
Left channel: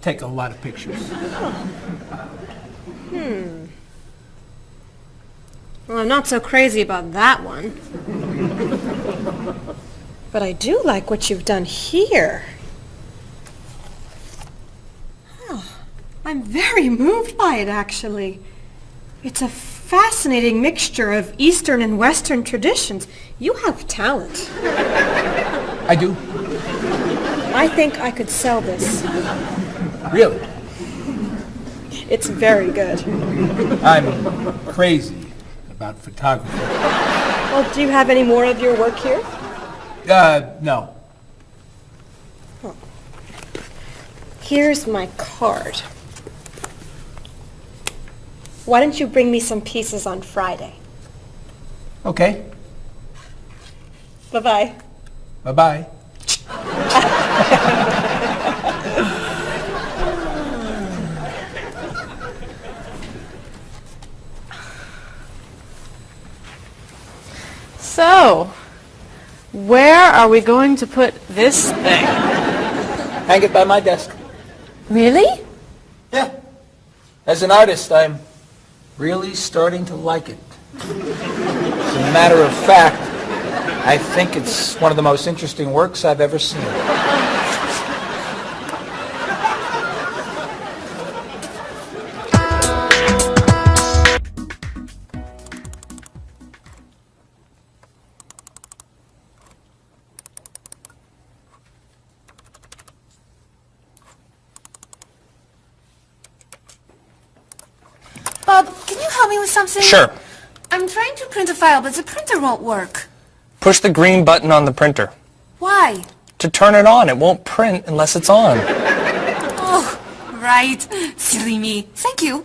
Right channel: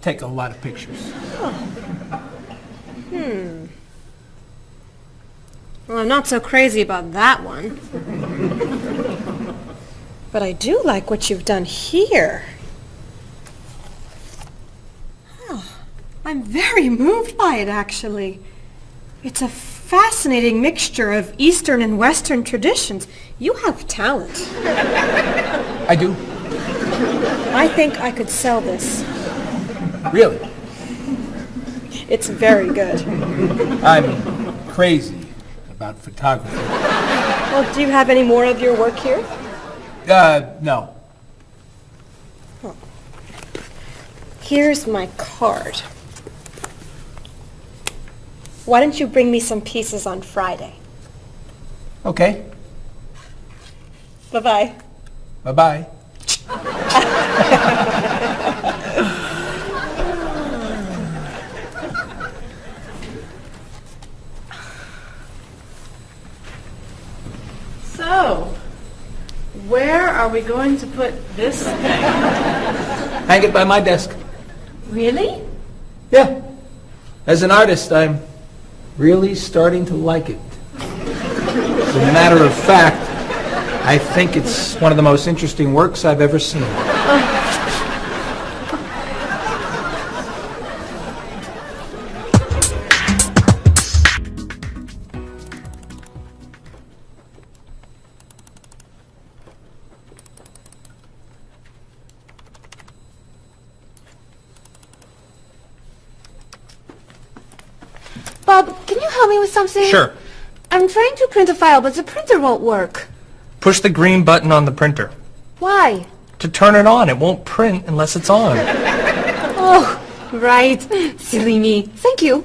take a lot of pictures. Well, I'm not so crazy about that one. But I do like what you've done here. Oh, I'm very moved by it, actually. It's a fascinating mixture of Eastern and Western traditions. You have talent. I do. I think I could sell this. Really? It's very good. I'm crazy about photography. Well, do you have any more of your work here? No. Here's my card. Why don't you bring me some pieces on Friday? Okay. Bye-bye. Bye-bye. So, where are we going to put this thing? Hang it by my desk. Really? Yeah. As an artist, I'm really starting to like it. As a matter of fact, I think it's one of the most interesting works I've ever seen. Bob, can you help me with something? Sure. I'm trying to print a file, but the printer won't work. Push the green button on the printer. Why? To turn it on. It won't print unless it's on. Oh, right. Silly me. Thank you.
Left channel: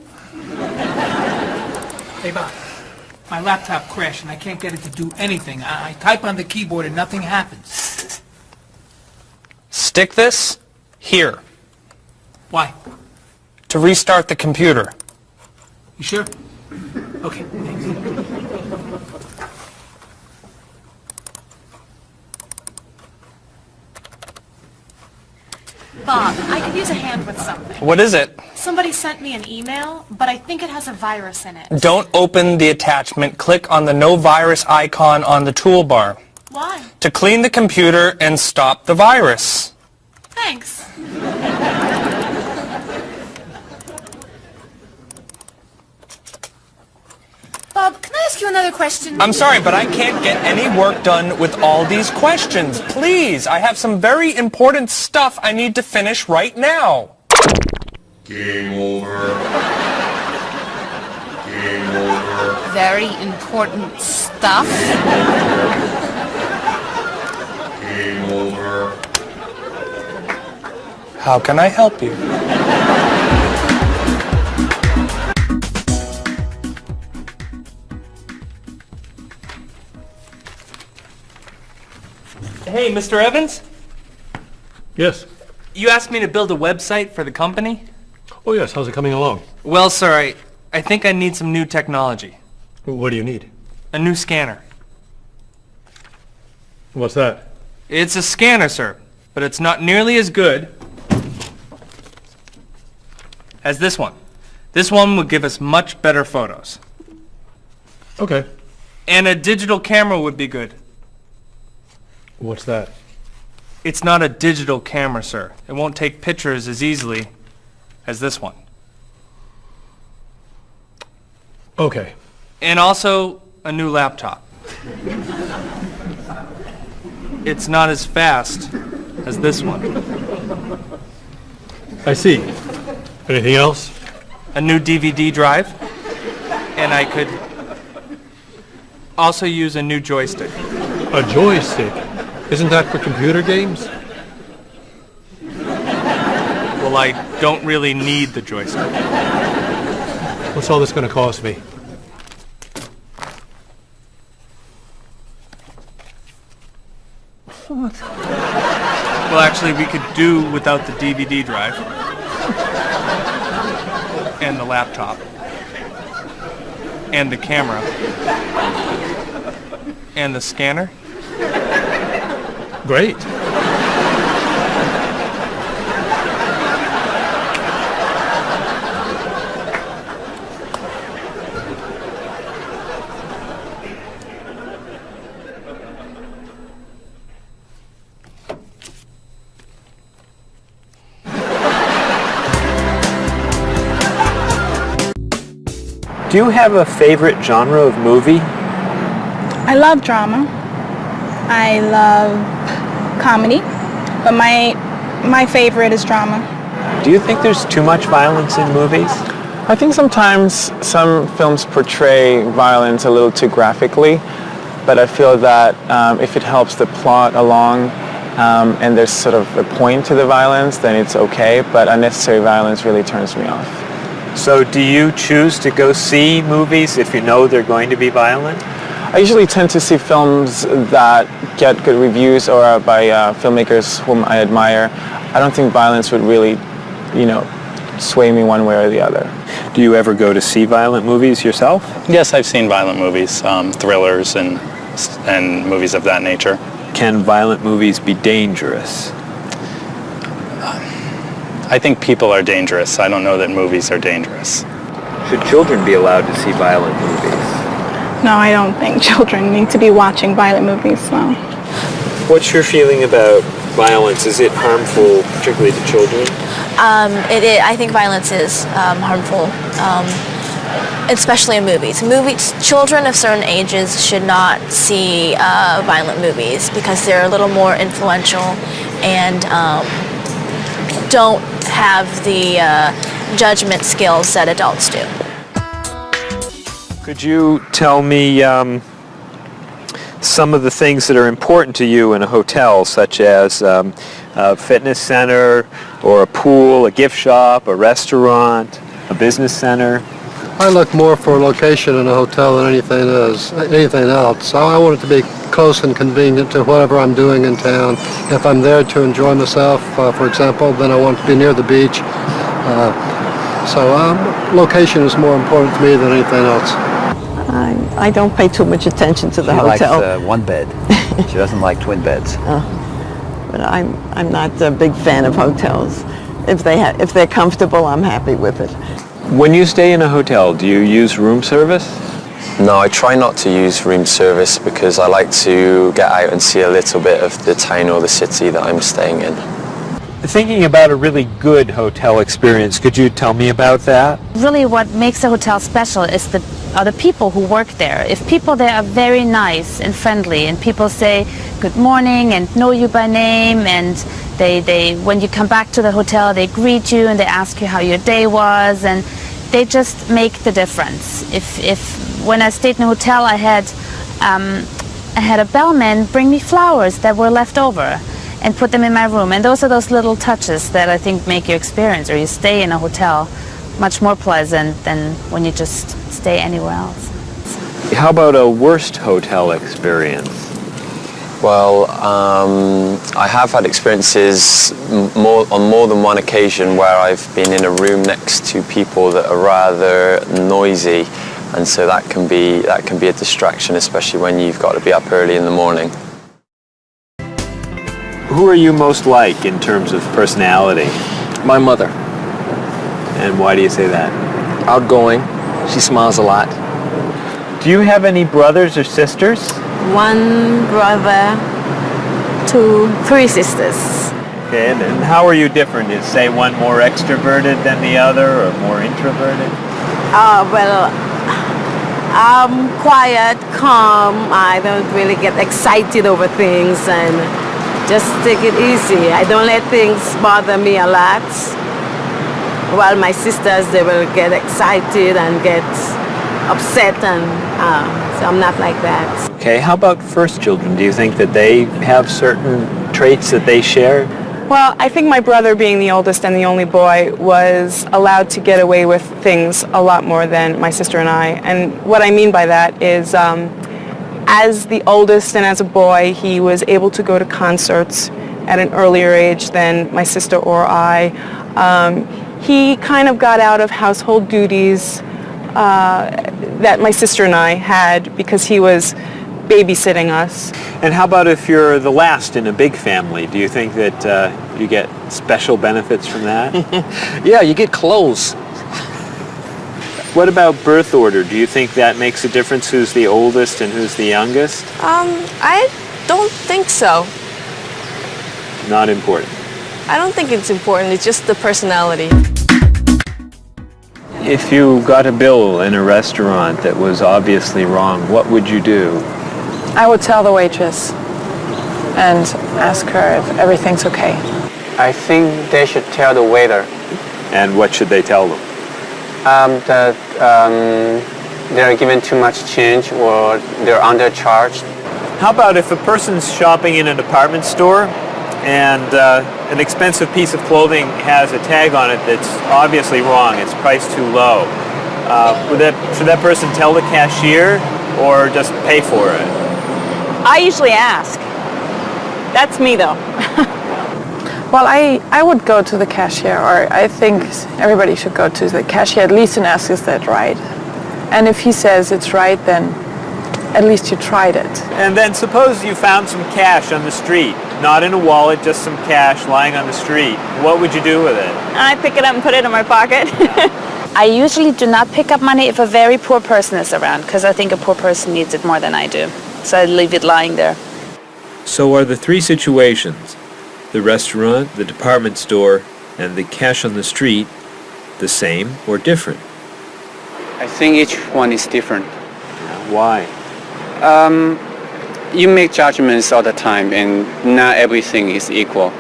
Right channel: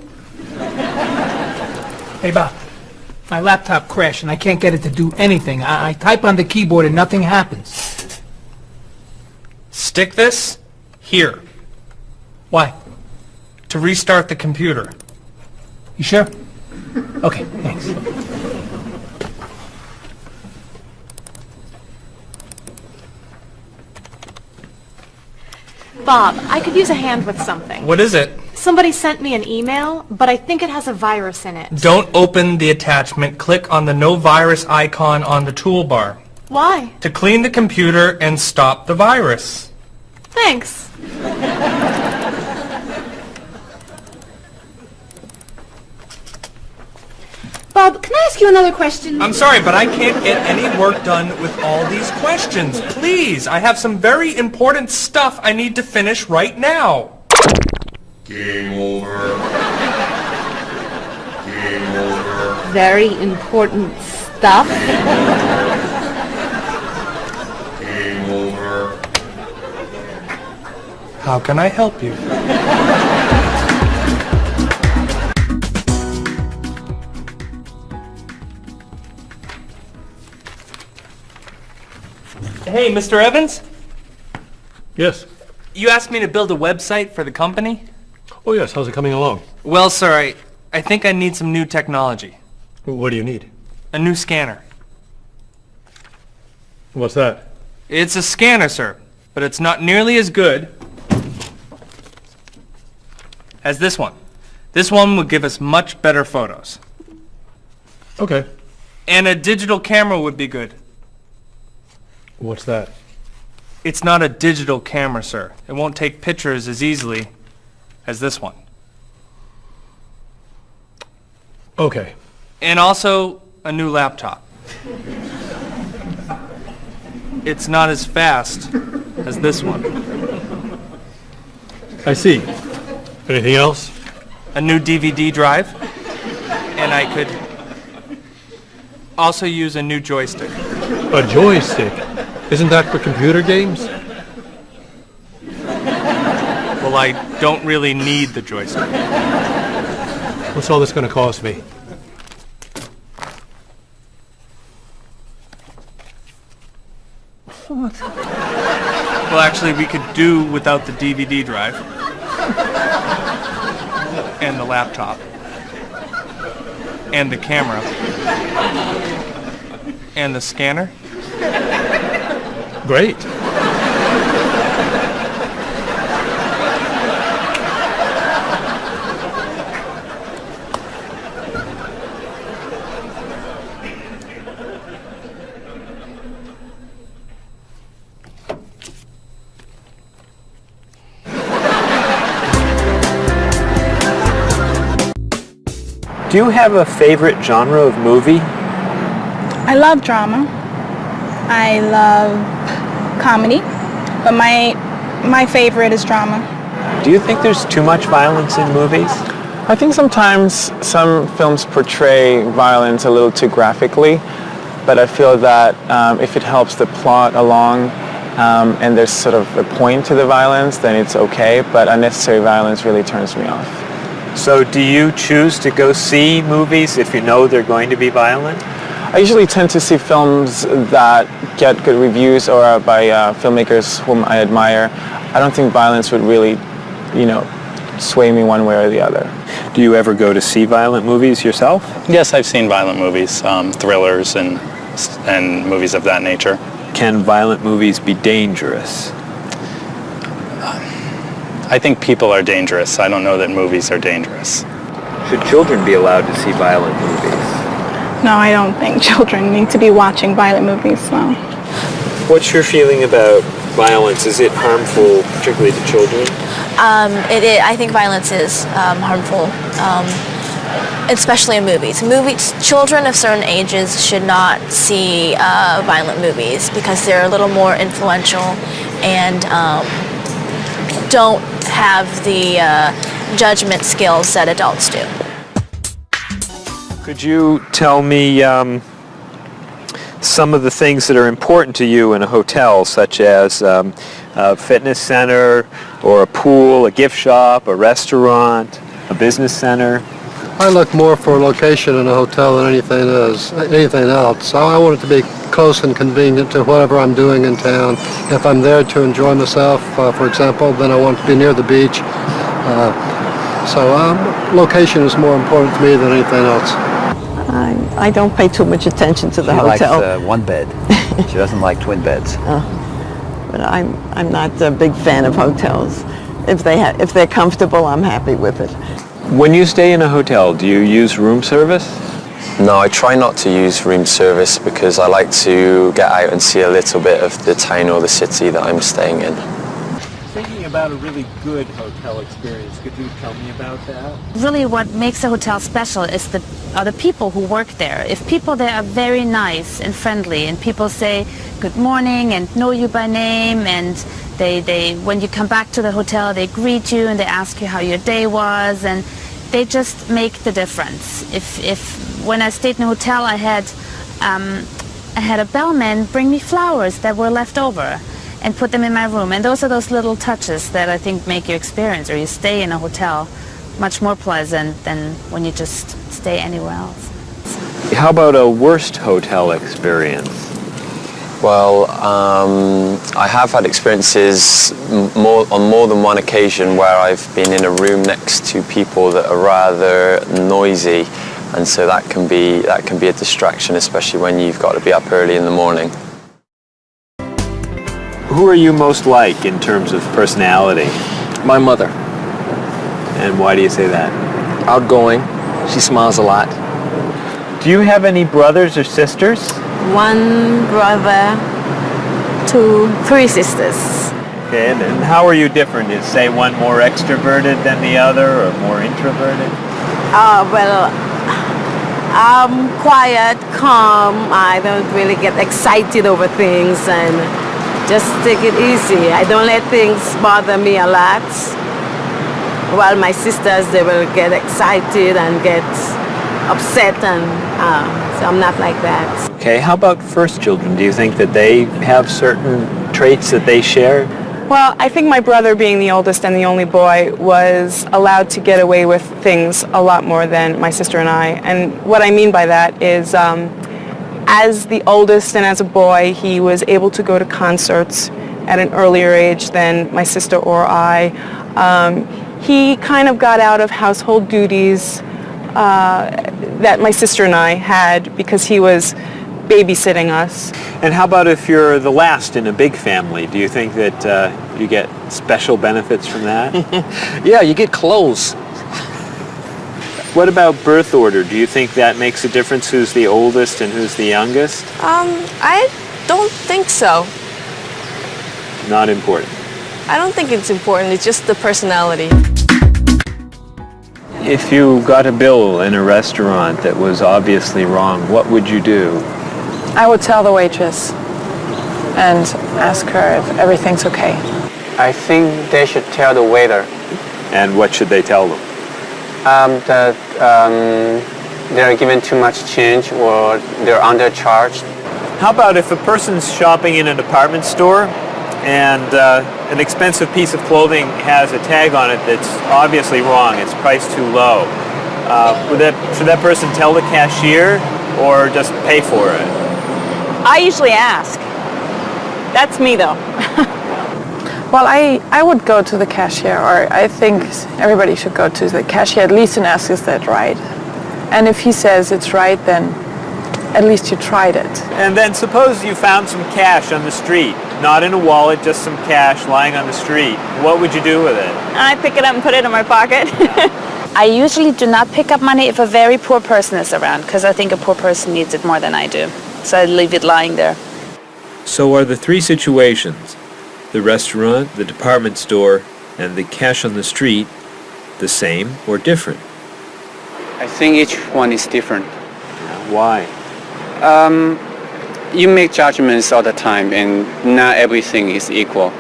Hey, Bob. My laptop crashed and I can't get it to do anything. I type on the keyboard and nothing happens. Stick this here Why? to restart the computer. You sure? Okay, thanks. Bob, I could use a hand with something. What is it? Somebody sent me an email, but I think it has a virus in it. Don't open the attachment. Click on the no virus icon on the toolbar Why? to clean the computer and stop the virus. Thanks. Bob, can I ask you another question? I'm sorry, but I can't get any work done with all these questions. Please, I have some very important stuff I need to finish right now. Game over. Game over. very important stuff? Game over. How can I help you? Hey, Mr. Evans? Yes. You asked me to build a website for the company? Oh, yes. How's it coming along? Well, sir, I think I need some new technology. What do you need? A new scanner. What's that? It's a scanner, sir, but it's not nearly as good as this one. This one would give us much better photos. Okay. And a digital camera would be good. What's that? It's not a digital camera, sir. It won't take pictures as easily as this one. Okay. And also a new laptop. It's not as fast as this one. I see. Anything else? A new DVD drive. And I could also use a new joystick. A joystick? Isn't that for computer games? Well, I don't really need the joystick. What's all this going to cost me? What? Well, actually, we could do without the DVD drive. And the laptop. And the camera. And the scanner. Great. Do you have a favorite genre of movie? I love drama. I love comedy, but my favorite is drama. Do you think there's too much violence in movies? I think sometimes some films portray violence a little too graphically, but I feel that if it helps the plot along and there's sort of a point to the violence, then it's okay, but unnecessary violence really turns me off. So do you choose to go see movies if you know they're going to be violent? I usually tend to see films that get good reviews or by filmmakers whom I admire. I don't think violence would really, sway me one way or the other. Do you ever go to see violent movies yourself? Yes, I've seen violent movies, thrillers and movies of that nature. Can violent movies be dangerous? I think people are dangerous. I don't know that movies are dangerous. Should children be allowed to see violent movies? No, I don't think children need to be watching violent movies, no. What's your feeling about violence? Is it harmful, particularly to children? I think violence is harmful, especially in movies. Children of certain ages should not see violent movies because they're a little more influential and don't have the judgment skills that adults do. Could you tell me some of the things that are important to you in a hotel, such as a fitness center or a pool, a gift shop, a restaurant, a business center? I look more for a location in a hotel than anything else. I want it to be close and convenient to whatever I'm doing in town. If I'm there to enjoy myself, for example, then I want to be near the beach. Location is more important to me than anything else. I don't pay too much attention to the hotel. She likes one bed. She doesn't like twin beds. But I'm not a big fan of hotels. If they're comfortable, I'm happy with it. When you stay in a hotel, do you use room service? No, I try not to use room service because I like to get out and see a little bit of the town or the city that I'm staying in. Thinking about a really good hotel experience, could you tell me about that? Really what makes a hotel special is are the people who work there. If people there are very nice and friendly and people say good morning and know you by name and they when you come back to the hotel they greet you and they ask you how your day was and they just make the difference. If when I stayed in a hotel, I had a bellman bring me flowers that were left over and put them in my room. And those are those little touches that I think make your experience, or you stay in a hotel, much more pleasant than when you just stay anywhere else. How about a worst hotel experience? Well, I have had experiences on more than one occasion where I've been in a room next to people that are rather noisy, and so that can be a distraction, especially when you've got to be up early in the morning. Who are you most like in terms of personality? My mother. And why do you say that? Outgoing. She smiles a lot. Do you have any brothers or sisters? One brother, 3 sisters. Okay, and how are you different? Is, say, one more extroverted than the other, or more introverted? Well, I'm quiet, calm. I don't really get excited over things and just take it easy. I don't let things bother me a lot. While my sisters, they will get excited and get upset, and so I'm not like that. Okay, how about first children? Do you think that they have certain traits that they share? Well, I think my brother, being the oldest and the only boy, was allowed to get away with things a lot more than my sister and I. And what I mean by that is, as the oldest and as a boy, he was able to go to concerts at an earlier age than my sister or I. He kind of got out of household duties that my sister and I had because he was babysitting us. And how about if you're the last in a big family? Do you think that you get special benefits from that? Yeah, you get clothes. What about birth order? Do you think that makes a difference, who's the oldest and who's the youngest? I don't think so. Not important. I don't think it's important. It's just the personality. If you got a bill in a restaurant that was obviously wrong, what would you do? I would tell the waitress and ask her if everything's okay. I think they should tell the waiter. And what should they tell them? That they're given too much change or they're undercharged. How about if a person's shopping in a department store and an expensive piece of clothing has a tag on it that's obviously wrong, it's priced too low. Should that person tell the cashier or just pay for it? I usually ask. That's me, though. Well, I would go to the cashier, or I think everybody should go to the cashier at least and ask, is that right? And if he says it's right, then at least you tried it. And then suppose you found some cash on the street, not in a wallet, just some cash lying on the street. What would you do with it? I pick it up and put it in my pocket. I usually do not pick up money if a very poor person is around, because I think a poor person needs it more than I do. So I leave it lying there. So are the 3 situations, the restaurant, the department store, and the cash on the street, the same or different? I think each one is different. Why? You make judgments all the time and not everything is equal.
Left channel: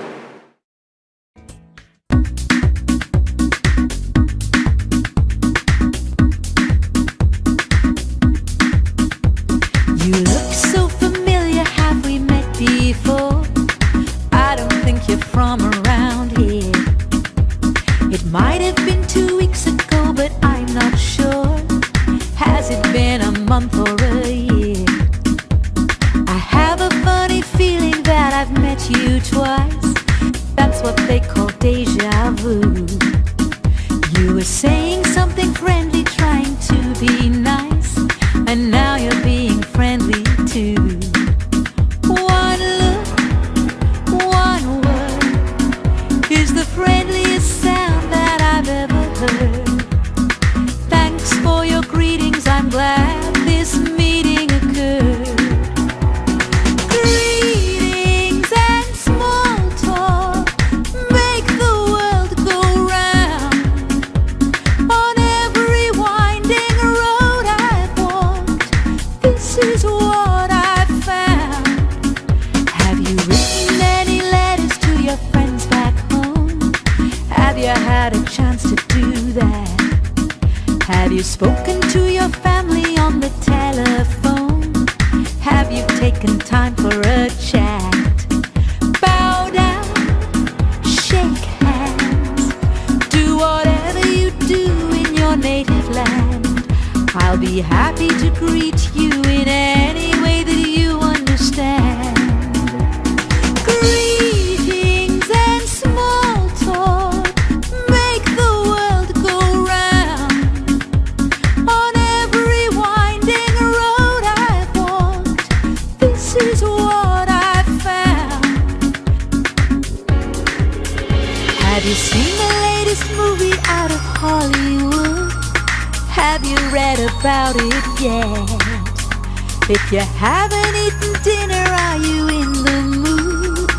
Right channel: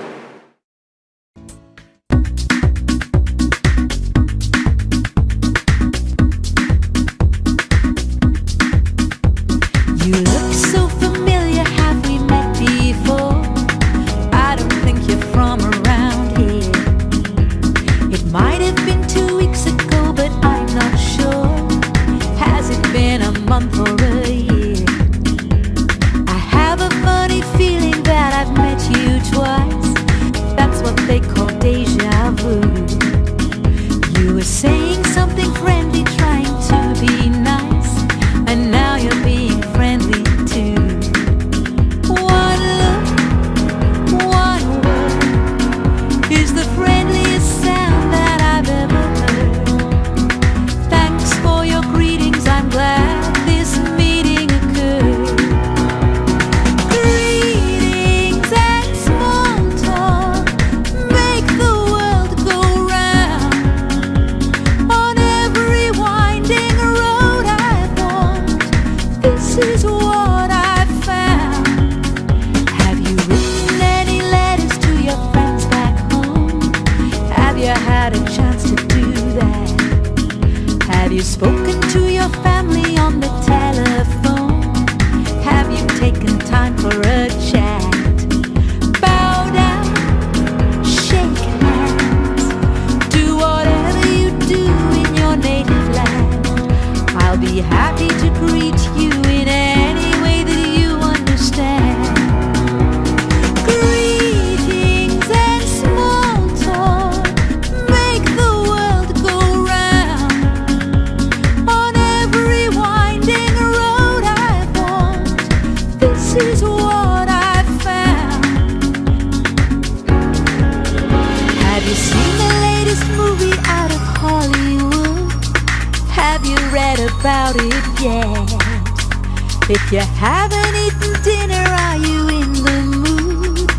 You look so familiar, have we met before? I don't think you're from around here. It might have been 2 weeks ago, but I'm not sure. Has it been a month or a year? I have a funny feeling that I've met you twice. That's what they call deja vu. You were saying something friendly, trying to be nice, and now you're being friendly too. One look, one word is the friendliest sound that I've ever heard. Thanks for your greetings, I'm glad this meeting occurred. Greetings and small talk make the world go round. On every winding road I've walked, this is what I've found. Have you written any letters to your friends back home? Have you had a chance to do that? you spoken to your family on the telephone? Have you taken time for a chat? Bow down, shake hands, do whatever you do in your native land. I'll be happy to greet you in any way that you understand. Greetings and small talk make the world go round. On every winding road I've walked, this is what I've found. Have you seen the latest movie out of Hollywood? Have you read about it yet? If you haven't eaten dinner, are you in the mood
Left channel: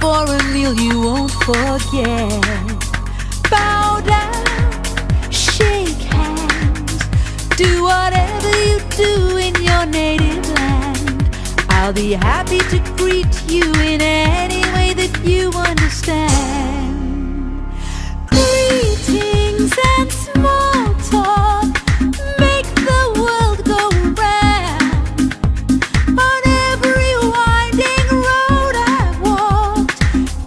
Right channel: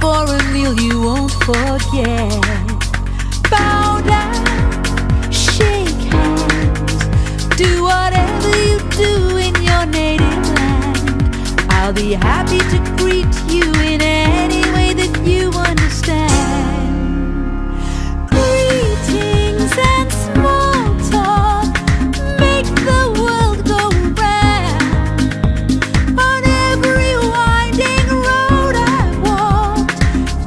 for a meal you won't forget? Bow down, shake hands, do whatever you do in your native land. I'll be happy to greet you in any way that you understand. Greetings and small talk make the world go round. On every winding road I've walked,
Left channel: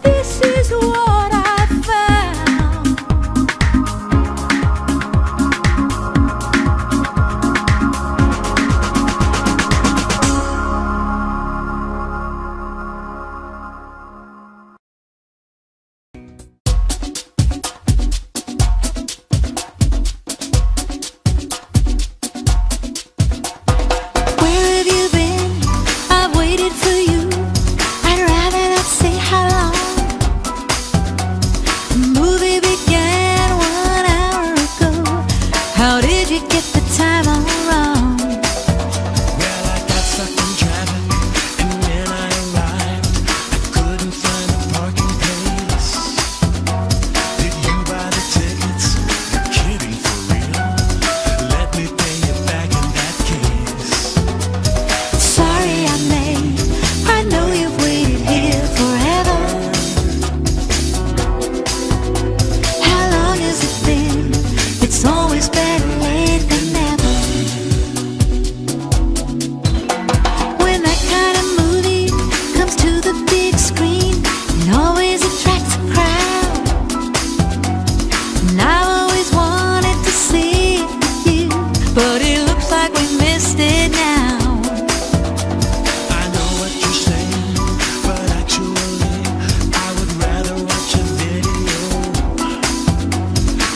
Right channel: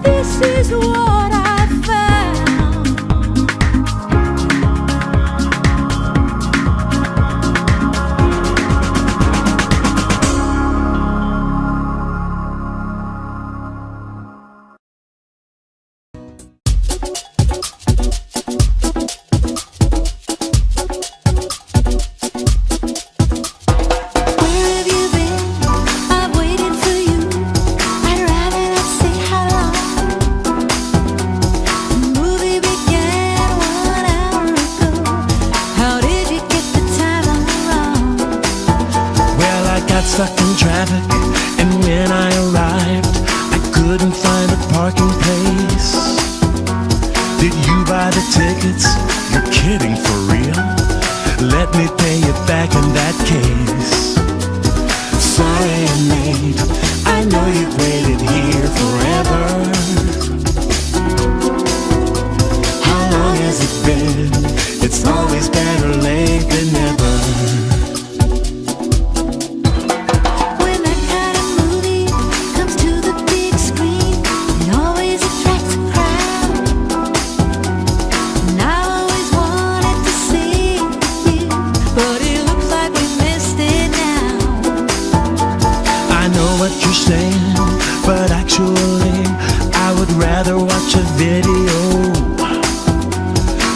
this is what I've found. Where have you been? I've waited for you. I'd rather not say how long. The movie began 1 hour ago. How did you get the time all wrong? Well, I got stuck in traffic, and when I arrived, I couldn't find a parking place. Did you buy the tickets? You're kidding, for real? Let me pay you back in that case. Sorry I'm late. I know you've waited here forever. How long has it been? It's always better late than never. When that kind of movie comes to the big screen, it always attracts a crowd. And I always wanted to see it with you, but it looks like we missed it now. I know what you're saying, but actually, I would rather watch a video.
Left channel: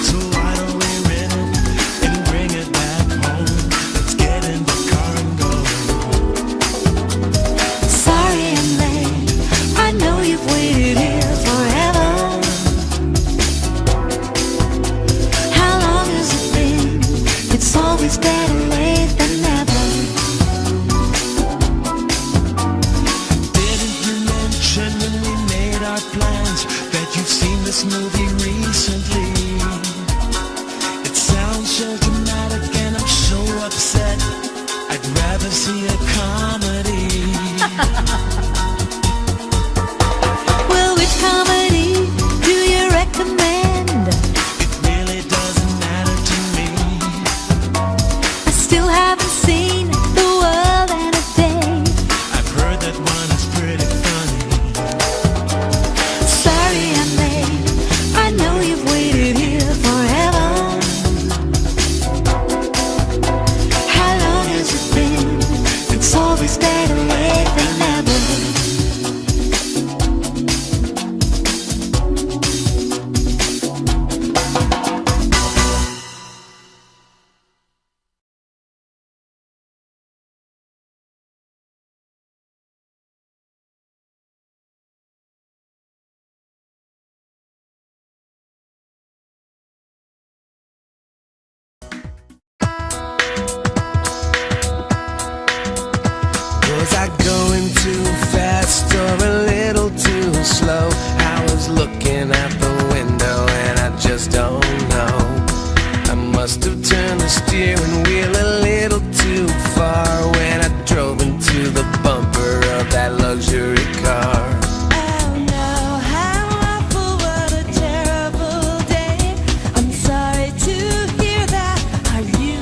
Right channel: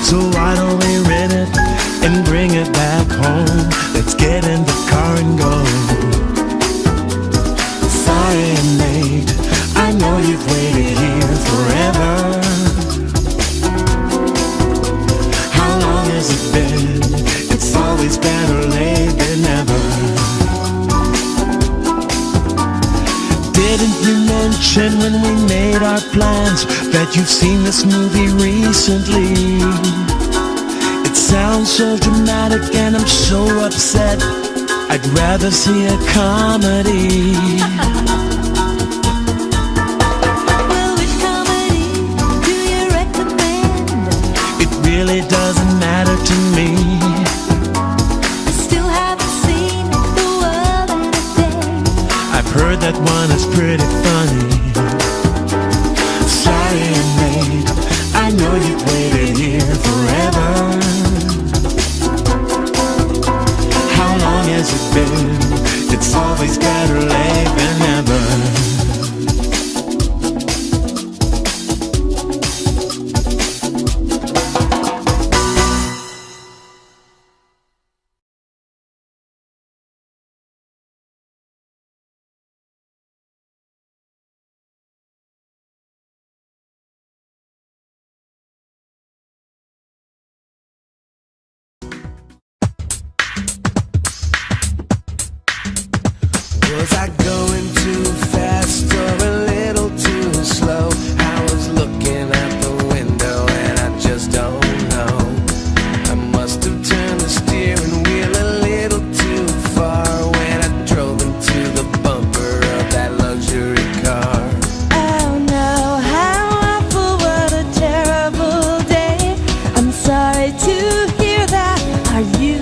So why don't we rent it and bring it back home? Let's get in the car and go. Sorry I'm late. I know you've waited here forever. How long has it been? It's always better late than never. Didn't you mention when we made our plans that you've seen this movie recently? It sounds so dramatic and I'm so upset. I'd rather see a comedy. Well, which comedy do you recommend? It really doesn't matter to me. I still haven't seen The World in a Day. I've heard that one is pretty funny. Sorry I'm late. I know you've waited here forever. How long has it been? It's always better late than never. Was I going too fast or a little too slow? I was looking out the window and I just don't know. I must have turned the steering wheel a little too far when I drove into the bumper of that luxury car. Oh no, how awful, what a terrible day. I'm sorry to hear that. Are you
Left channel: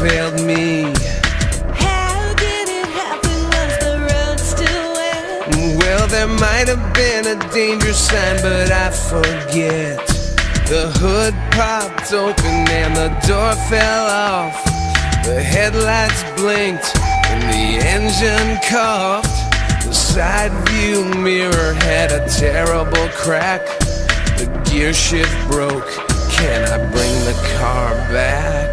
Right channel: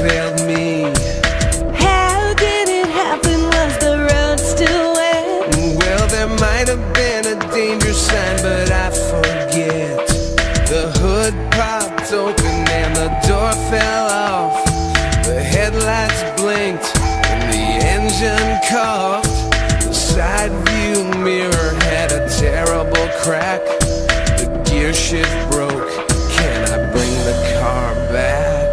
failed me. How did it happen? Was the road still wet? Well, there might have been a danger sign, but I forget. The hood popped open and the door fell off. The headlights blinked and the engine coughed. The side view mirror had a terrible crack. The gear shift broke. Can I bring the car back?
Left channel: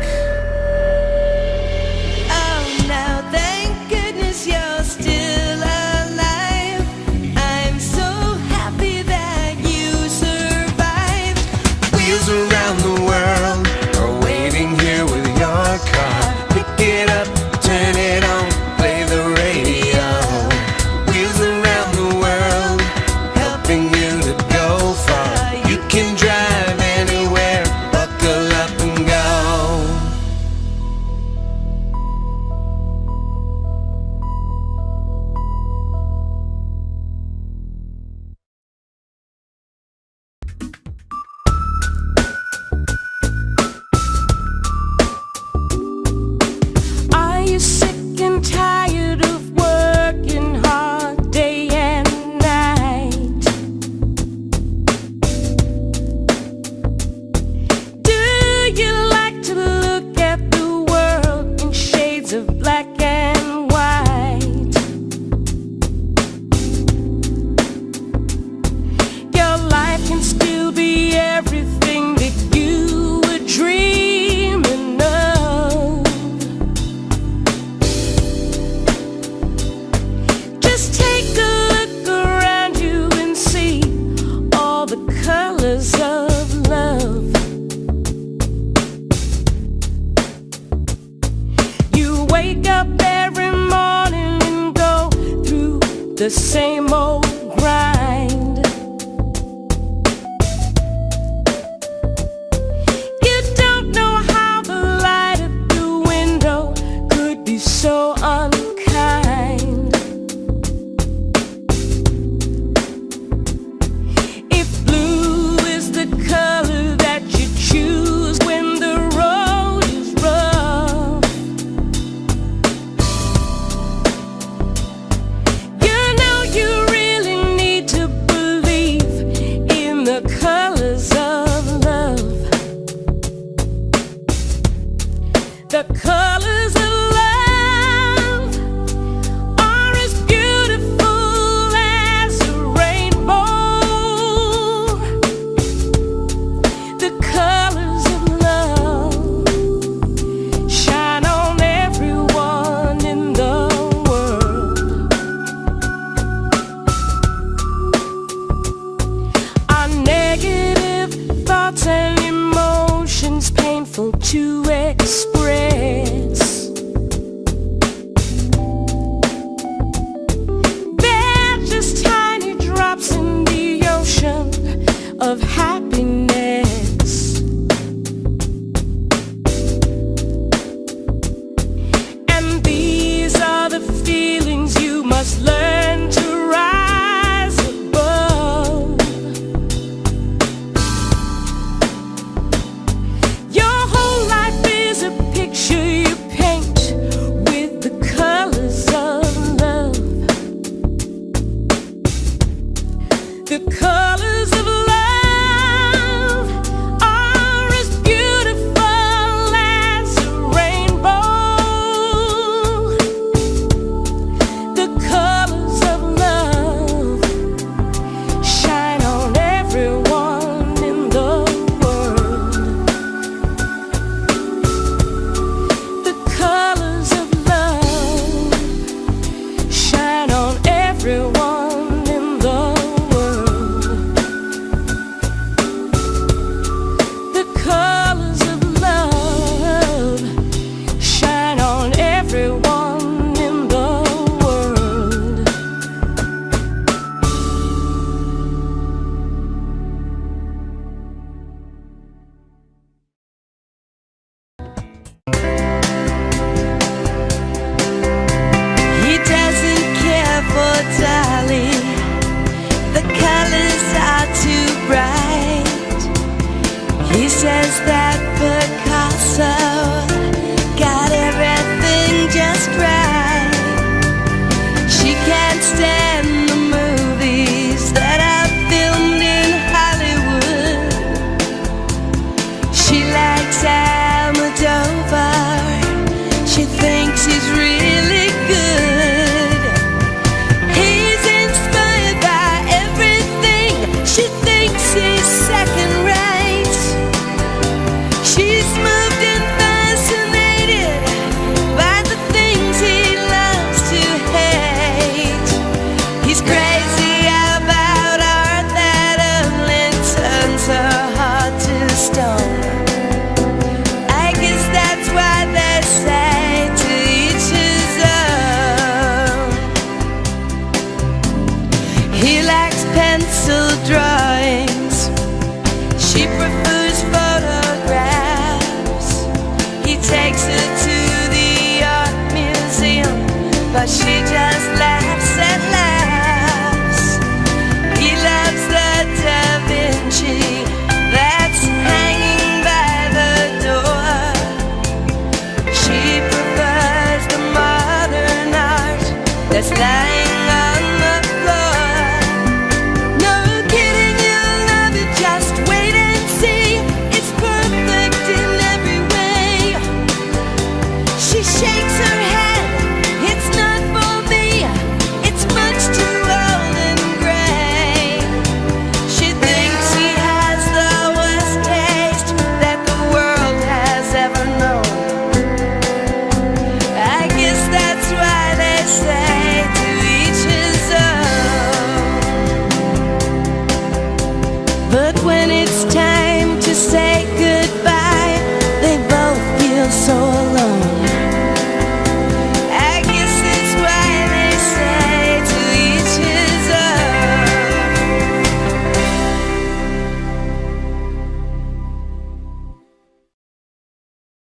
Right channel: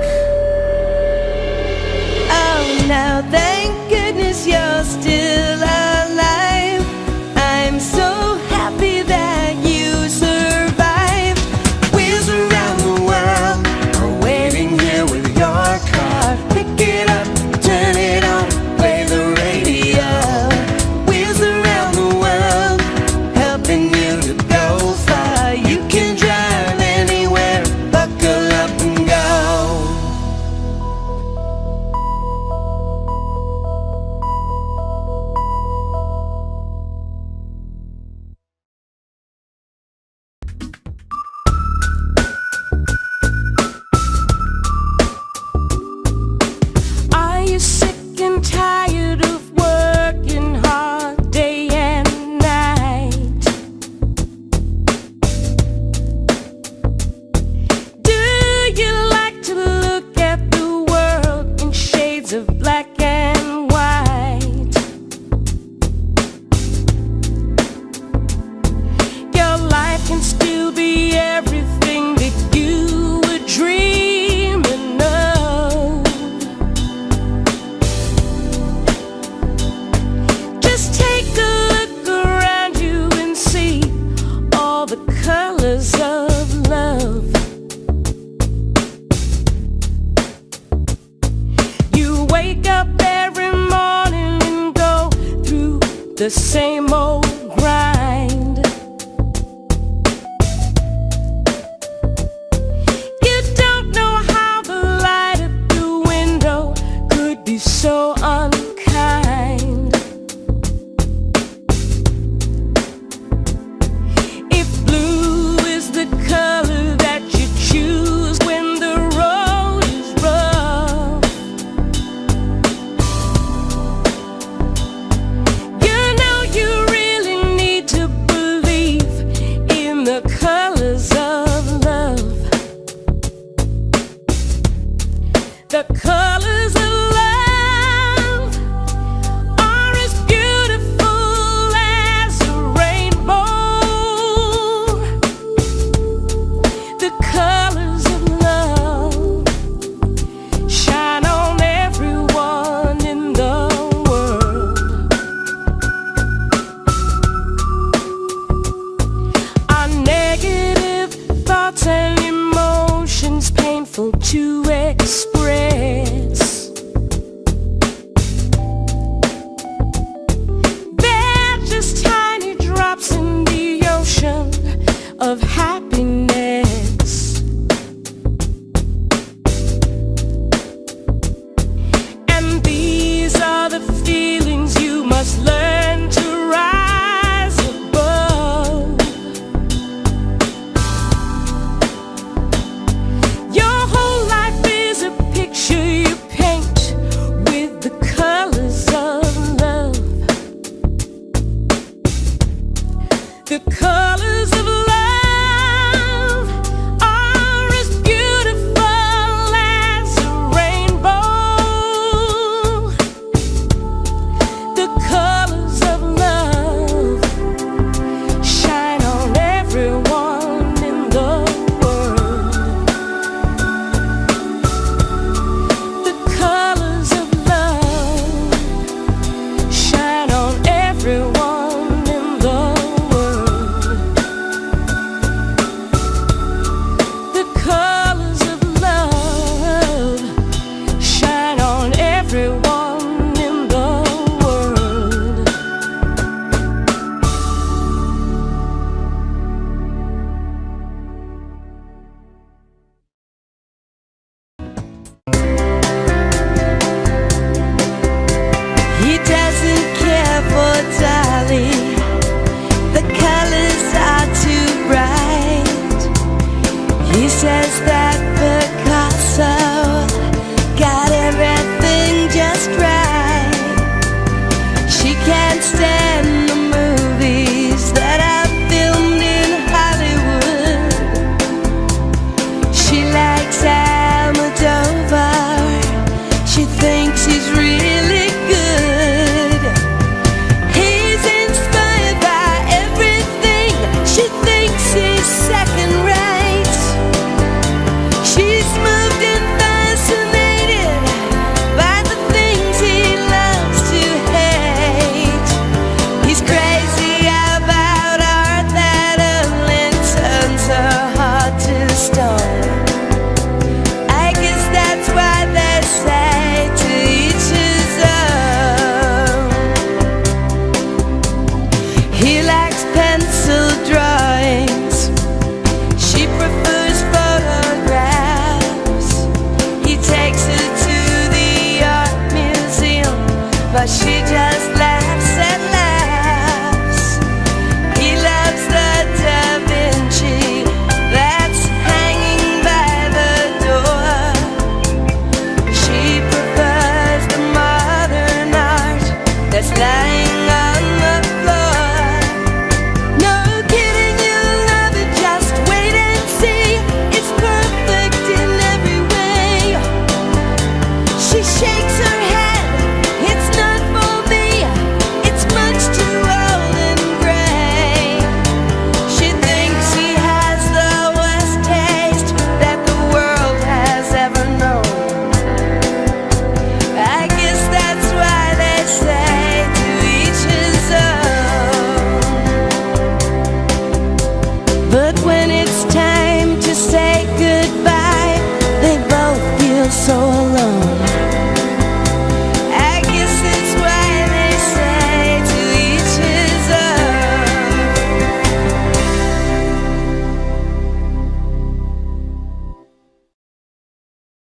Oh no, thank goodness you're still alive. I'm so happy that you survived. Wheels around the world are waiting here with your car. Pick it up, turn it on, play the radio. Wheels around the world, helping you to go far. You can drive anywhere, buckle up and go. Are you sick and tired of working hard day and night? Do you like to look at the world in shades of black and white? Your life can still be everything that you were dreaming of. Just take a look around you and see all the colors of love. You wake up every morning and go through the same old grind. You don't know how the light at the window could be so unkind. If blue is the color that you choose when the road is rough, you know you really need to believe in the colors of love. The colors of love are as beautiful as a rainbow. The colors of love shine on everyone in the world. Our negative thoughts and emotions painful to express. They're just tiny drops in the ocean of happiness. And these are the feelings you must learn to rise above. Your whole life is a picture you paint with the colors of love. The colors of love are as beautiful as a rainbow. The colors of love shine on everyone in the world. The colors of love shine on everyone in the world. The colors of love shine on everyone in the world. He doesn't care for Dolly. The colors are too bright. He says that Picasso got it but she just laughs and laughs. He loves the Da Vinci that's hanging by the door. She prefers the modern art that's lying on the floor. No kidding, you'll love it, just wait and see. It's perfect in every way. She shakes her head, it's not for me, it's much too old and gray. She thinks he has the worst taste that the world has ever known. I guess that's why they say to each his own. But when it's time to say goodbye, they both feel so alone.